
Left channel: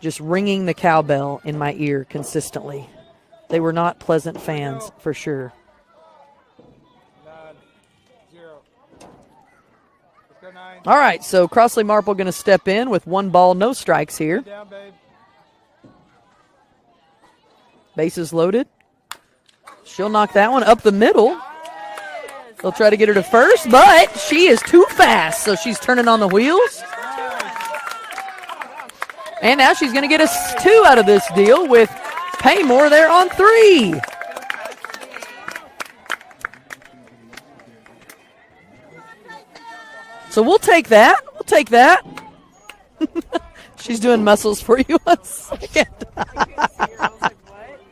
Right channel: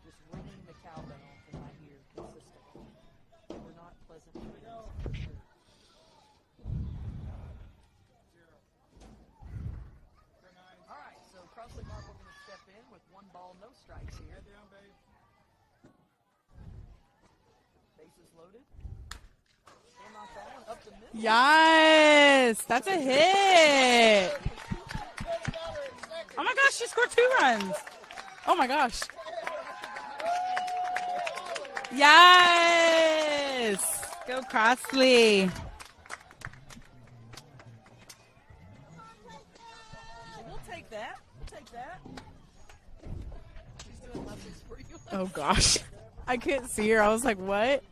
Just ringing the cowbell in my ear consistently. They were not pleasant fans, for sure. 9-0. Let's go 9. All right, so Crossley Marple going to step in with 1 ball, no strikes here. Down, babe. Bases loaded. She'll knock that one up the middle. Nice. They'll try to get her to first, but she is too fast, so she's turning on the wheels. She scored 2 runs. Oh, my gosh. And now she's going to get us 2 out of this deal with Yes. Paymore there on 3. Go Crossley. So we'll take that. We'll take that. She's doing muscles for you. Oh, gosh. I couldn't see her. I was like, what?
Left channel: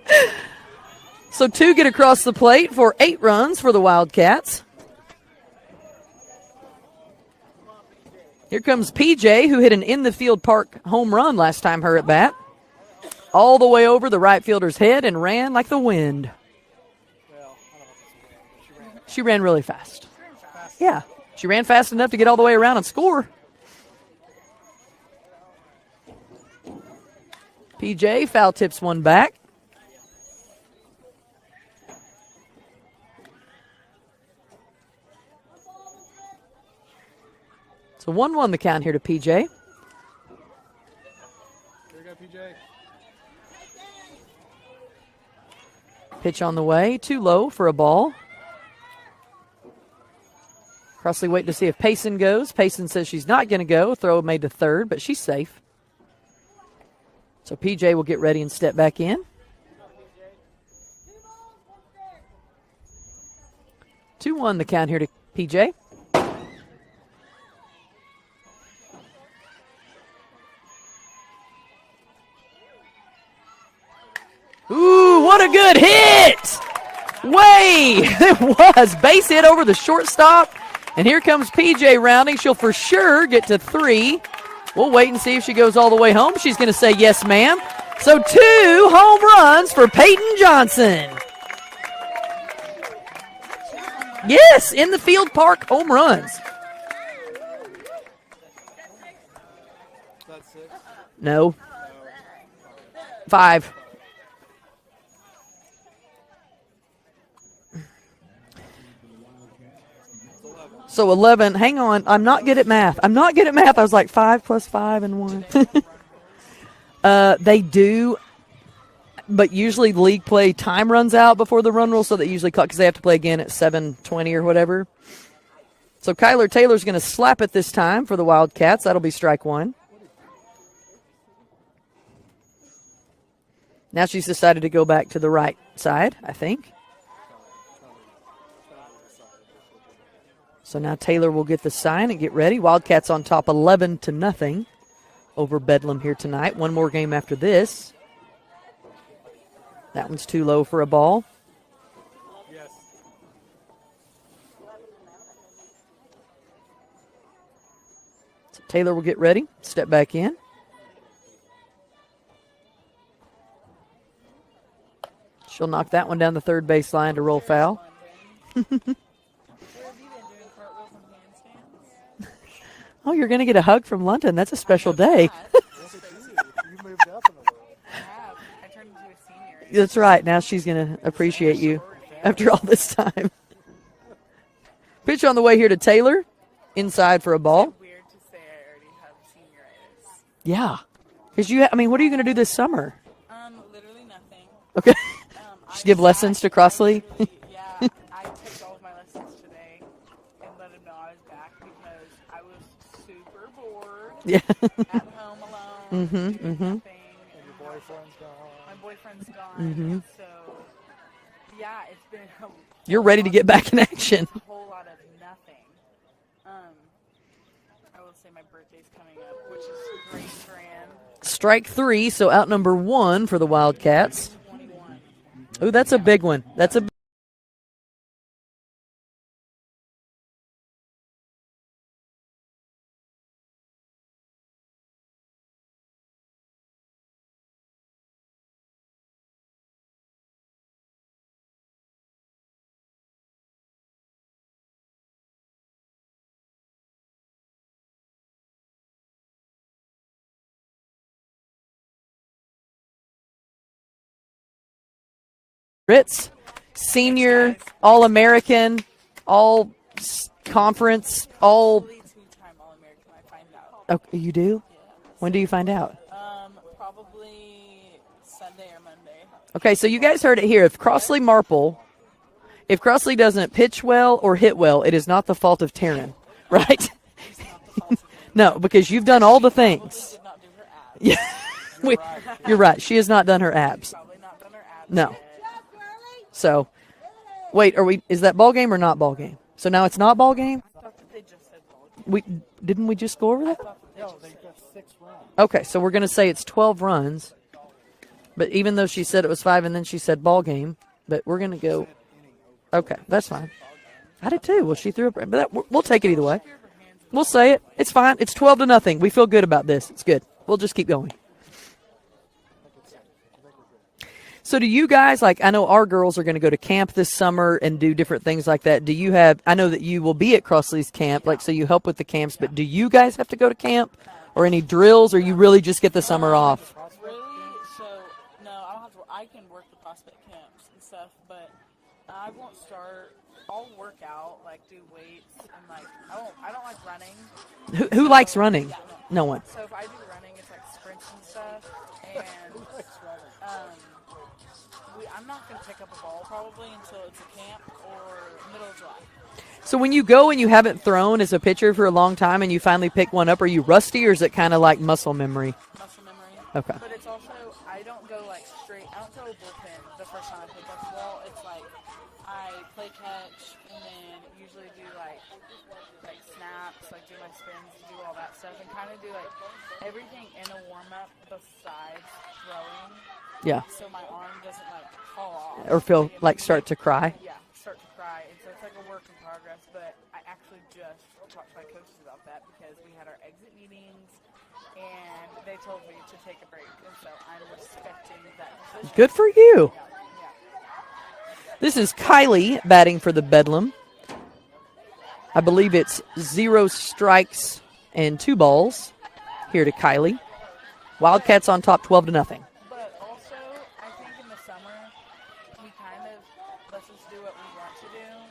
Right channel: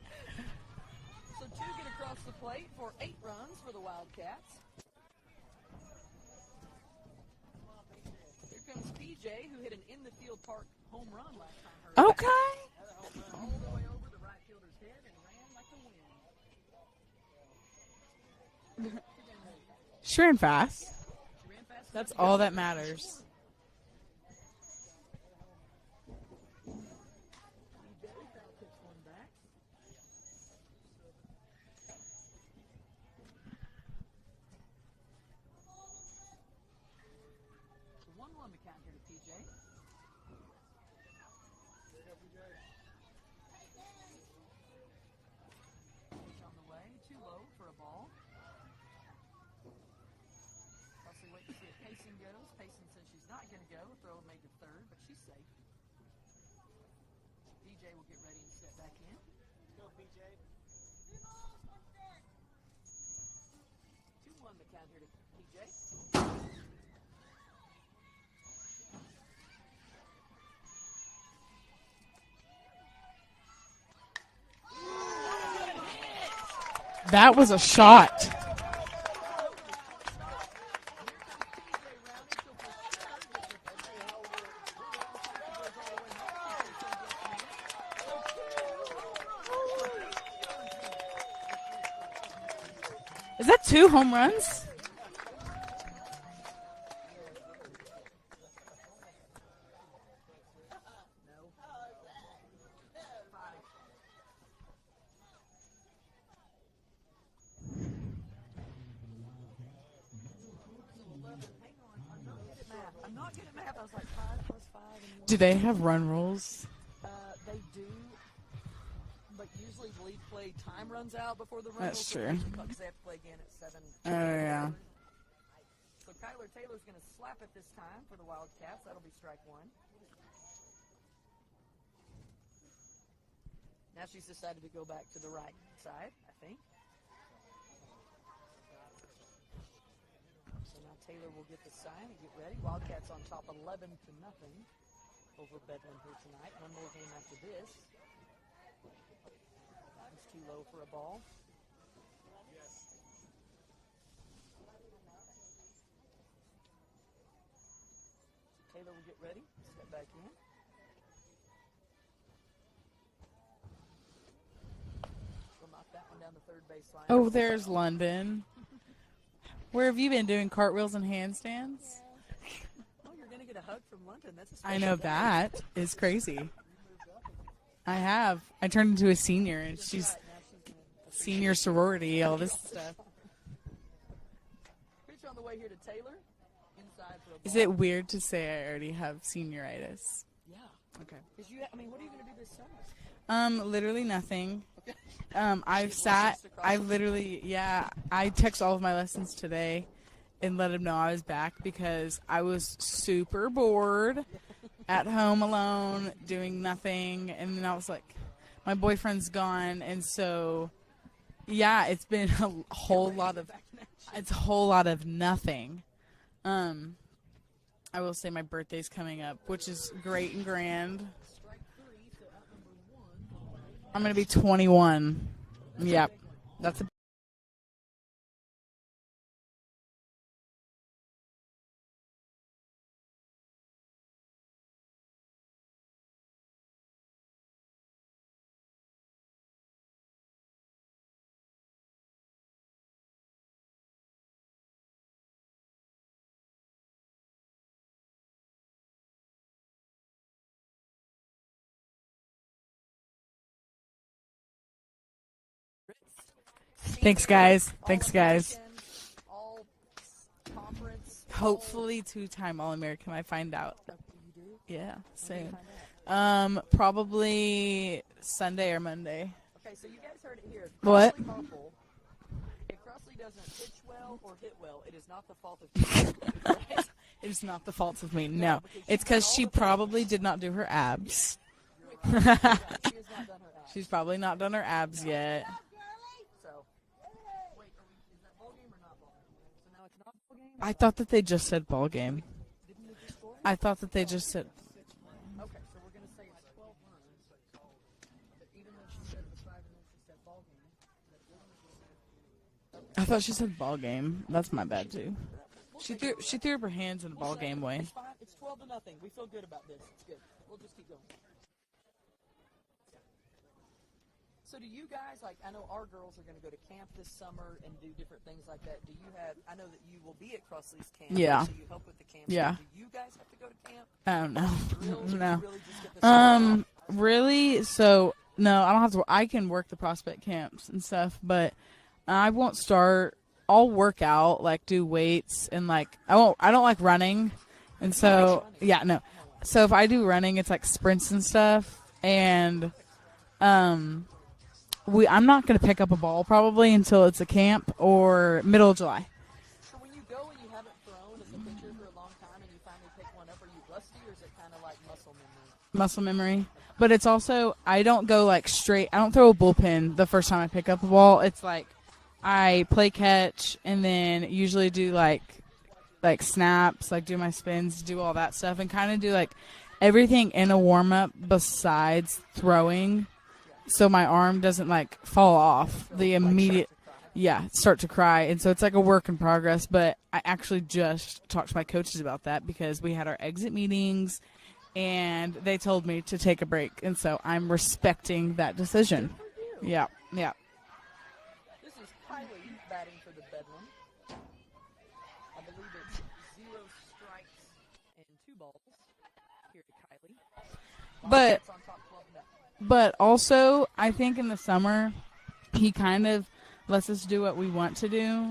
So 2 get across the plate for 8 runs for the Wildcats. Here comes PJ, who hit an in-the-field park home run last time her at bat. All the way over the right fielder's head and ran like the wind. She ran really fast. She ran fast. Yeah. She ran fast enough to get all the all way that around and matters. score. PJ foul tips one back. So 1-1 the count here to PJ. Here we go, PJ. Pitch on the way, too low for a ball. Crossley waiting to see if Payson goes. Payson says she's not going to go. Throw made to third, but she's safe. So PJ will get ready and step back in. 2-1 the count here to PJ. what a good hit! That was a shot. It was. Base hit over the shortstop. And here comes PJ rounding. She'll for sure get to 3. We'll wait and see if she goes all the way home. She's going to say yes, ma'am. So 2 home runs for Peyton Johnson. Is that 2 home runs? Yes, in the Field Park home runs. That's 6. No. 5. So 11. Hang on. I'm not good at math. I was like 5 plus 5 and 1. Do they have run rules? They do. But usually league play time runs out before the run rule, so they usually call because they have to play again at 7:20 or whatever. So Kyler Taylor's going to slap it this time for the Wildcats. That'll be strike 1. Now she's decided to go back to the right side, I think. So now Taylor will get the sign and get ready. Wildcats on top 11-0 over Bedlam here tonight. One more game after this. That one's too low for a ball. Yes. So Taylor will get ready, step back in. She'll knock that one down the third baseline to roll there's foul. London. Where have you been doing cartwheels and handstands? Oh, you're going to get a hug from London. That's a special I know day. That is crazy. You moved up in the world. I have. I turned into a senior. It's That's just right. Now she's going to appreciate senior you sorority after all this time. Pitch on the way here to Taylor. Inside for a Is ball. it weird to say I already have senioritis? Yeah. Because what are you going to do this summer? Literally nothing. Okay. I give lessons to Crossley? I text all of my lessons today and let them know I was back because I was super bored at home alone, doing nothing. And then I was like, my boyfriend's gone. And so, yeah, it's been a whole You're ready to get back in action. It's a whole lot of nothing. I will say my birthday's coming up, which is great and grand. Strike 3, so out number 1 for the I'm Wildcats. going to be 21. Oh, that's a big one. That's a Ritz, senior, Thanks, guys. All-American, all-conference, all. Hopefully 2-time All-American, I find out. Oh, you do? Yeah. When do you find out? Probably Sunday or Monday. Okay, so you guys heard it here. If Crossley Marple, if Crossley doesn't pitch well or hit well, it is not the fault of Taryn, right? It's not the fault of me. No, because you've It's done all the she things. Probably did not do her abs. Yeah. You're right. She has not done her She's abs. probably not done her abs No. yet. So, wait, is that ball game or not ball game? So now it's not ball game? I thought that they just said ball game. Didn't we just go over I that? thought that they just said. Okay, so we're going to say it's 12 runs. But even though she said it was 5 and then she said ball game, but we're going to go. Okay, I thought that's she fine. said ball game. I did That's too. not Well, bad, she too. threw up, but we'll take it either way. She threw up her hands in the We'll ball say game it. way. It's fine. It's 12-0. We feel good about this. It's good. We'll just keep going. So do you guys, I know our girls are going to go to camp this summer and do different things like that. Do you have, I know that you will be at Crossley's camp, Yeah. so you help with the camps, Yeah. but do you guys have to go to camp No. or any drills, or you really just get the summer off? Really? So no, I don't have to. I can work the prospect camps and stuff, but I won't start. I'll work out, do weights, and I don't like running. Who So- likes running? Yeah, no. No one. So if I do running, it's sprints and stuff, and I'm not going to pick up a ball probably until it's a camp or middle of July. So when you go and you haven't thrown as a pitcher for a long time and you finally pick one up, are you rusty, or is it kind of like muscle memory? Muscle memory. Okay. But it's also, I don't go straight. I don't throw a bullpen the first time I pick up the ball. It's I play catch and then usually do like snaps, do my spins, do all that stuff, and kind of do everything in a warm up besides throwing. Yeah. So my arm doesn't like fall off Or feel the like start immediate- to cry. Yeah, start to cry. And so it's like a work in progress. But I actually just talked to my coaches about that because we had our exit meetings and they told me to take a break. And so I'm respecting that decision. Good for you. Yeah, yeah. This is Kylie batting for the Bedlam. I believe it's 0 strikes and 2 balls here to Kylie. Wildcats on top 12-0. But also, I think in the summer, he kind of lets us do what we want to do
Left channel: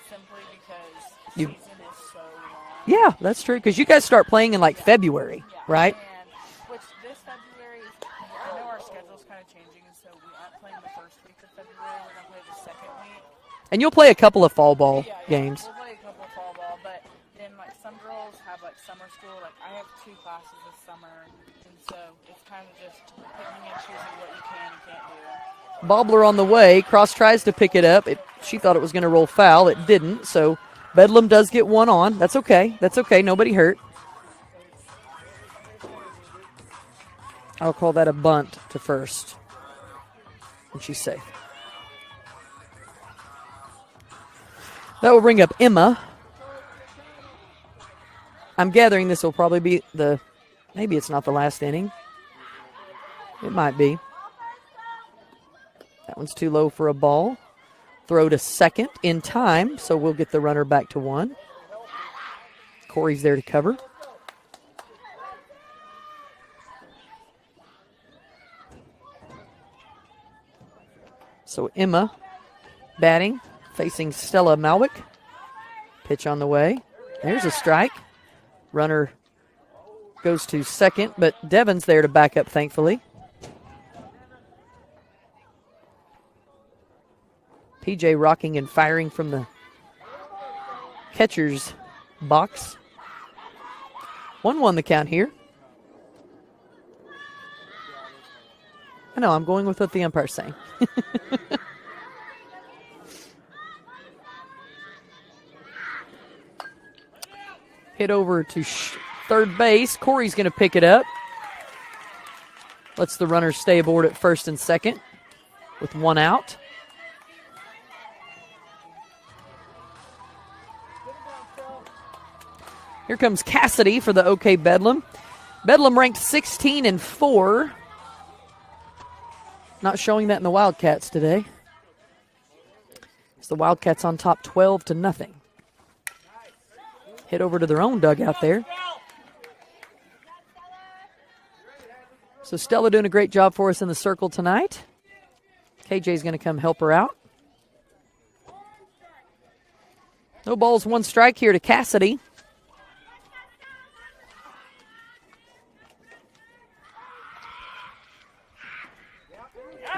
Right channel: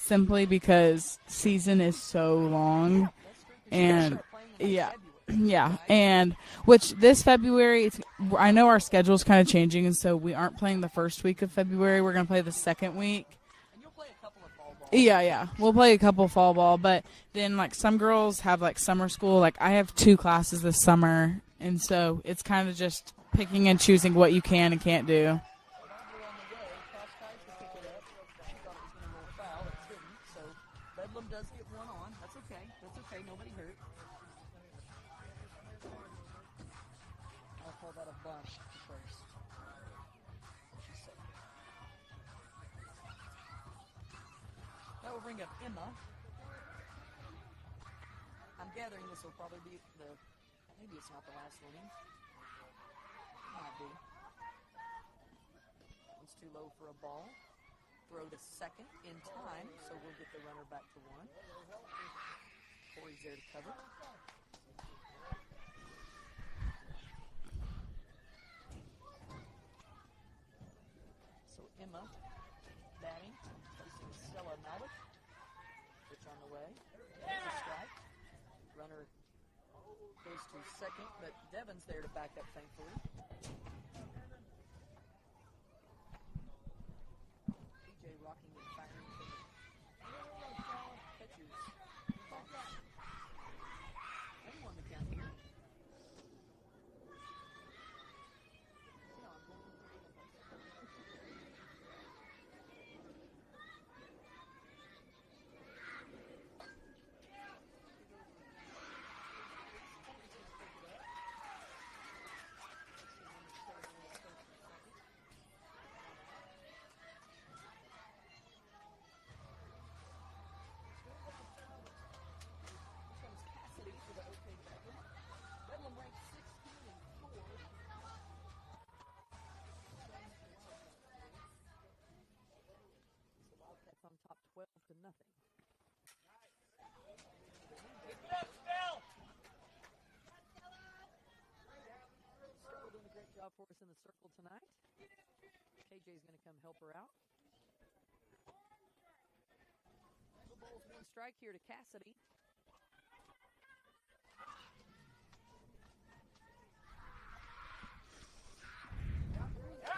simply because season is so long. Yeah, that's true. Because you guys start playing in yeah. February. Yeah. Right? And which this February, I know our schedule's kind of changing, and so we aren't playing the first week of February. We're going to play the second week. And you'll play a couple of fall ball Yeah. games. We'll play a couple fall ball, but then like some girls have like summer school. Like I have 2 classes this summer, and so it's kind of just picking and choosing what you can and can't do. Bobbler on the way. Cross tries to pick it up. She thought it was going to roll foul. It didn't. So Bedlam does get one on. That's okay. That's okay. Nobody hurt. I'll call that a bunt to first. And she's safe. That will bring up Emma. I'm gathering this will probably be maybe it's not the last inning. It might be. That one's too low for a ball. Throw to second in time, so we'll get the runner back to 1. Corey's there to cover. So Emma batting, facing Stella Malwick. Pitch on the way. There's a strike. Runner goes to second, but Devin's there to back up, thankfully. PJ rocking and firing from the catcher's box. 1-1 the count here. I know, I'm going with what the umpire's saying. Hit over to third base. Corey's going to pick it up. Lets the runner stay aboard at first and second with 1 out. Here comes Cassidy for the OK Bedlam. Bedlam ranked 16-4. Not showing that in the Wildcats today. It's the Wildcats on top 12-0. Hit over to their own dugout there. So Stella doing a great job for us in the circle tonight. KJ's going to come help her out. No balls, 1 strike here to Cassidy.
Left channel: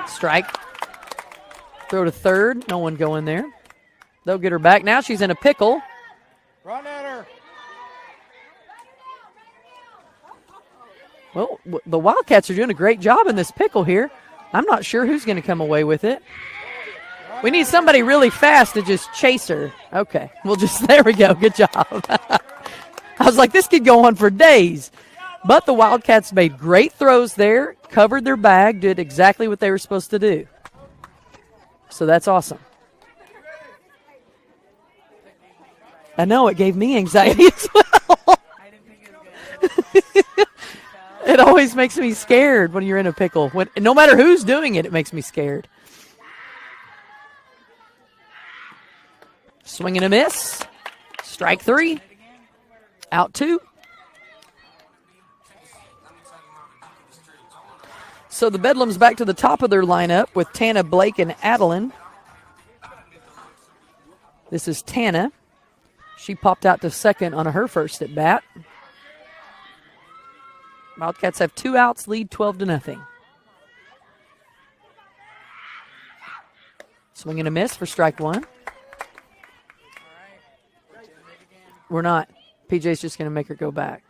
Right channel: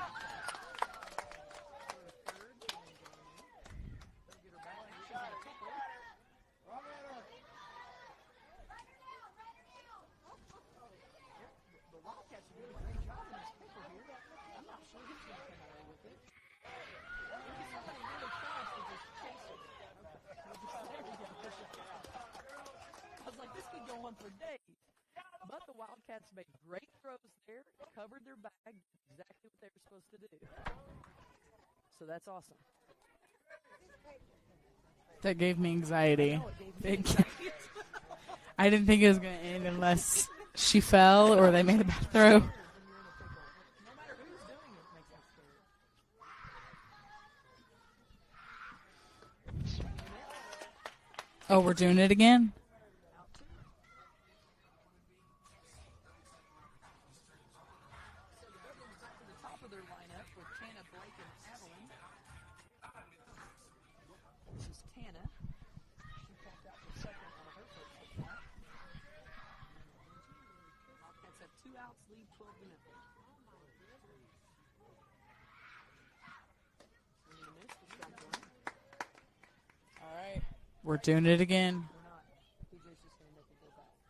Strike. Throw to third. No one going there. They'll get her back. Now she's in a pickle. Run at her. Well, the Wildcats are doing a great job in this pickle here. I'm not sure who's going to come away with it. We need somebody really fast to just chase her. Okay. We'll just, there we go. Good job. I was like, this could go on for days. But the Wildcats made great throws there, covered their bag, did exactly what they were supposed to do. So that's awesome. That gave me anxiety. I know, it gave me anxiety as well. I didn't think it was going to end unless she fell. It always makes me scared when you're in a pickle. No matter who's doing it, it makes me scared. Swing and a miss. Strike we're 3. doing it again. Out 2. So the Bedlam's back to the top of their lineup with Tana, Blake, and Adeline. This is Tana. She popped out to second on her first at bat. Wildcats have 2 outs, lead 12-0. Swing and a miss for strike 1. All right. We're doing it again. We're not. PJ's just going to make her go back.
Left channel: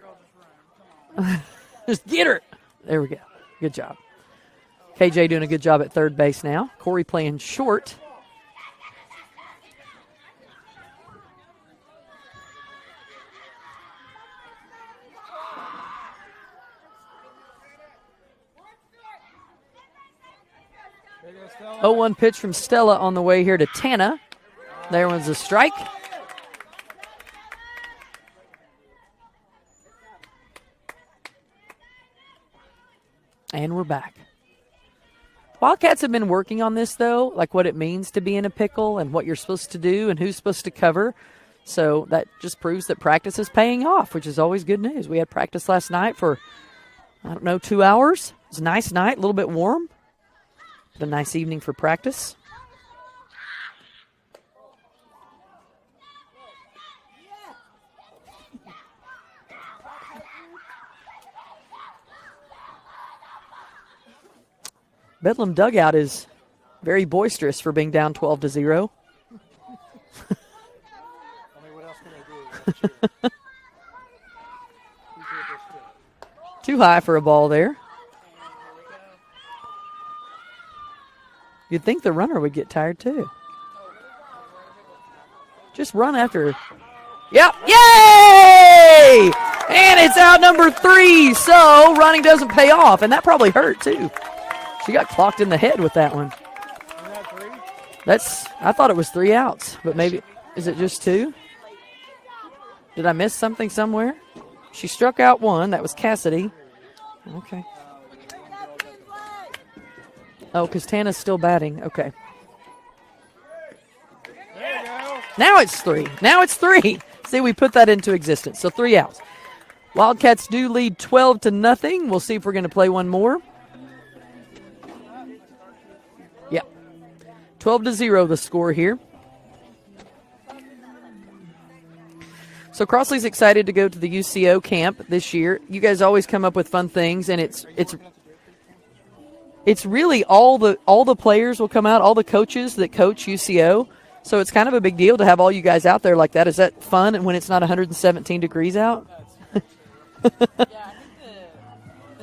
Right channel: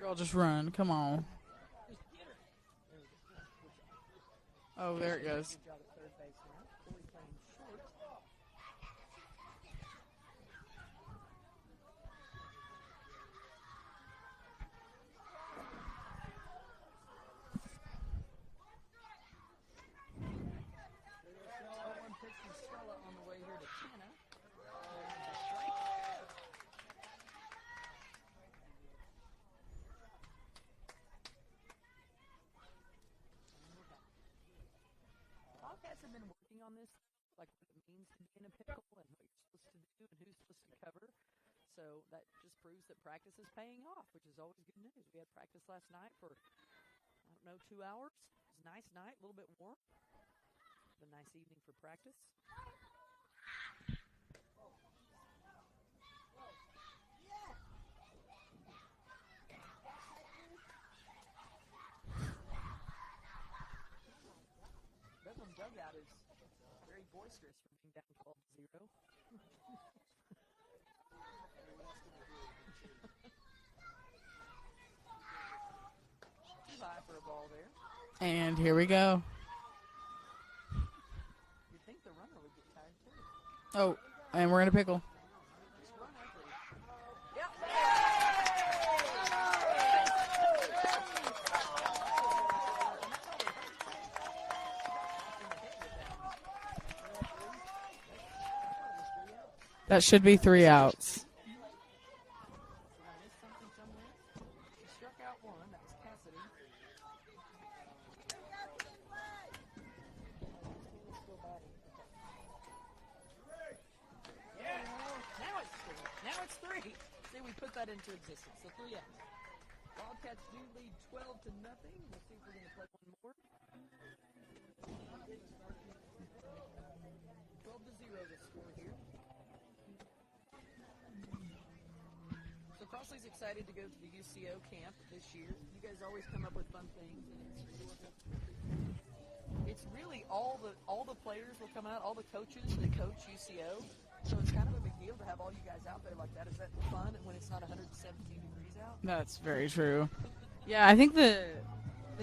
Girl, just run. Come on. Just get her. There we go. Good job. Oh, KJ doing a good job at third base now. Corey playing short. 0-1 pitch from Stella on the way here to Tana. There was a strike. And we're back. Wildcats have been working on this, though, like what it means to be in a pickle and what you're supposed to do and who's supposed to cover. So that just proves that practice is paying off, which is always good news. We had practice last night for, 2 hours. It was a nice night, a little bit warm. But a nice evening for practice. Bedlam dugout is very boisterous for being down 12-0. I mean, what else can they do? Too high for a ball there. And here we go. You'd think the runner would get tired too. Oh, and we're in a pickle. Just run after. Yep. Yay! And it's out number 3. So running doesn't pay off. And that probably hurt too. She got clocked in the head with that one. I thought it was 3 outs. But That maybe, should be 3 outs. Is it just 2? Did I miss something somewhere? She struck out 1. That was Cassidy. Okay. Oh, because Tana's still batting. Okay. Now it's 3. Now it's 3. See, we put that into existence. So 3 outs. Wildcats do lead 12-0. We'll see if we're going to play one more. Yep. 12-0 the score here. So Crossley's excited to go to the UCO camp this year. You guys always come up with fun things, and it's really all the players will come out, all the coaches that coach UCO. So it's kind of a big deal to have all you guys out there like that. Is that fun and when it's not 117 degrees out? That's very true. Yeah, I think the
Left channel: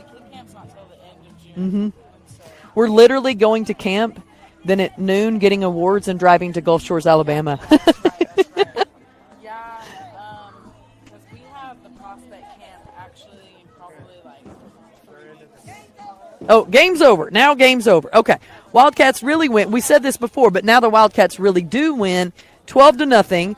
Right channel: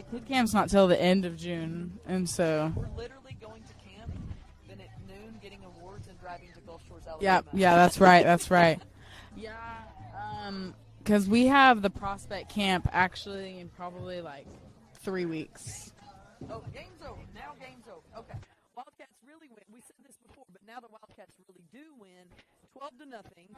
kid camp's not till the end of June, and so We're literally going to camp, then at noon getting awards and driving to Gulf Shores, Alabama. Yeah, that's right. That's right. Yeah, because we have the prospect camp actually in probably like 3 weeks. Oh, game's over. Now game's over. Okay. Wildcats really win. We said this before, but now the Wildcats really do win 12-0.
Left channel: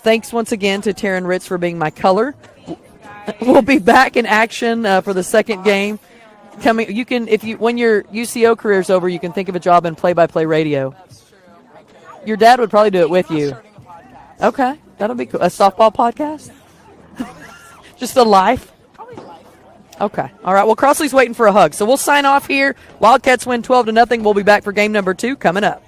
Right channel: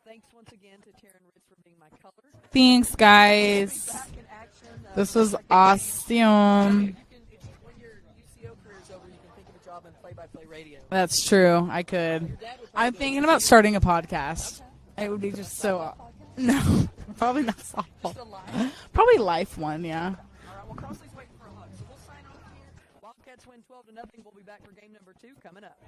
Thanks once again to Taryn Ritz for being my color. Thanks, guys. We'll be back in action for the was second game. awesome. Coming, you can when your UCO career's over, you can think of a job in play-by-play radio. That's true. I could. Your dad would probably do it with I'm you. starting a podcast. Okay, that'll be would cool. be A so softball podcast. No, probably not. Just a life. Probably life one. Yeah. Okay. All right. Well, Crossley's waiting for a hug, so we'll sign off here. Wildcats win 12-0. We'll be back for game number 2 coming up.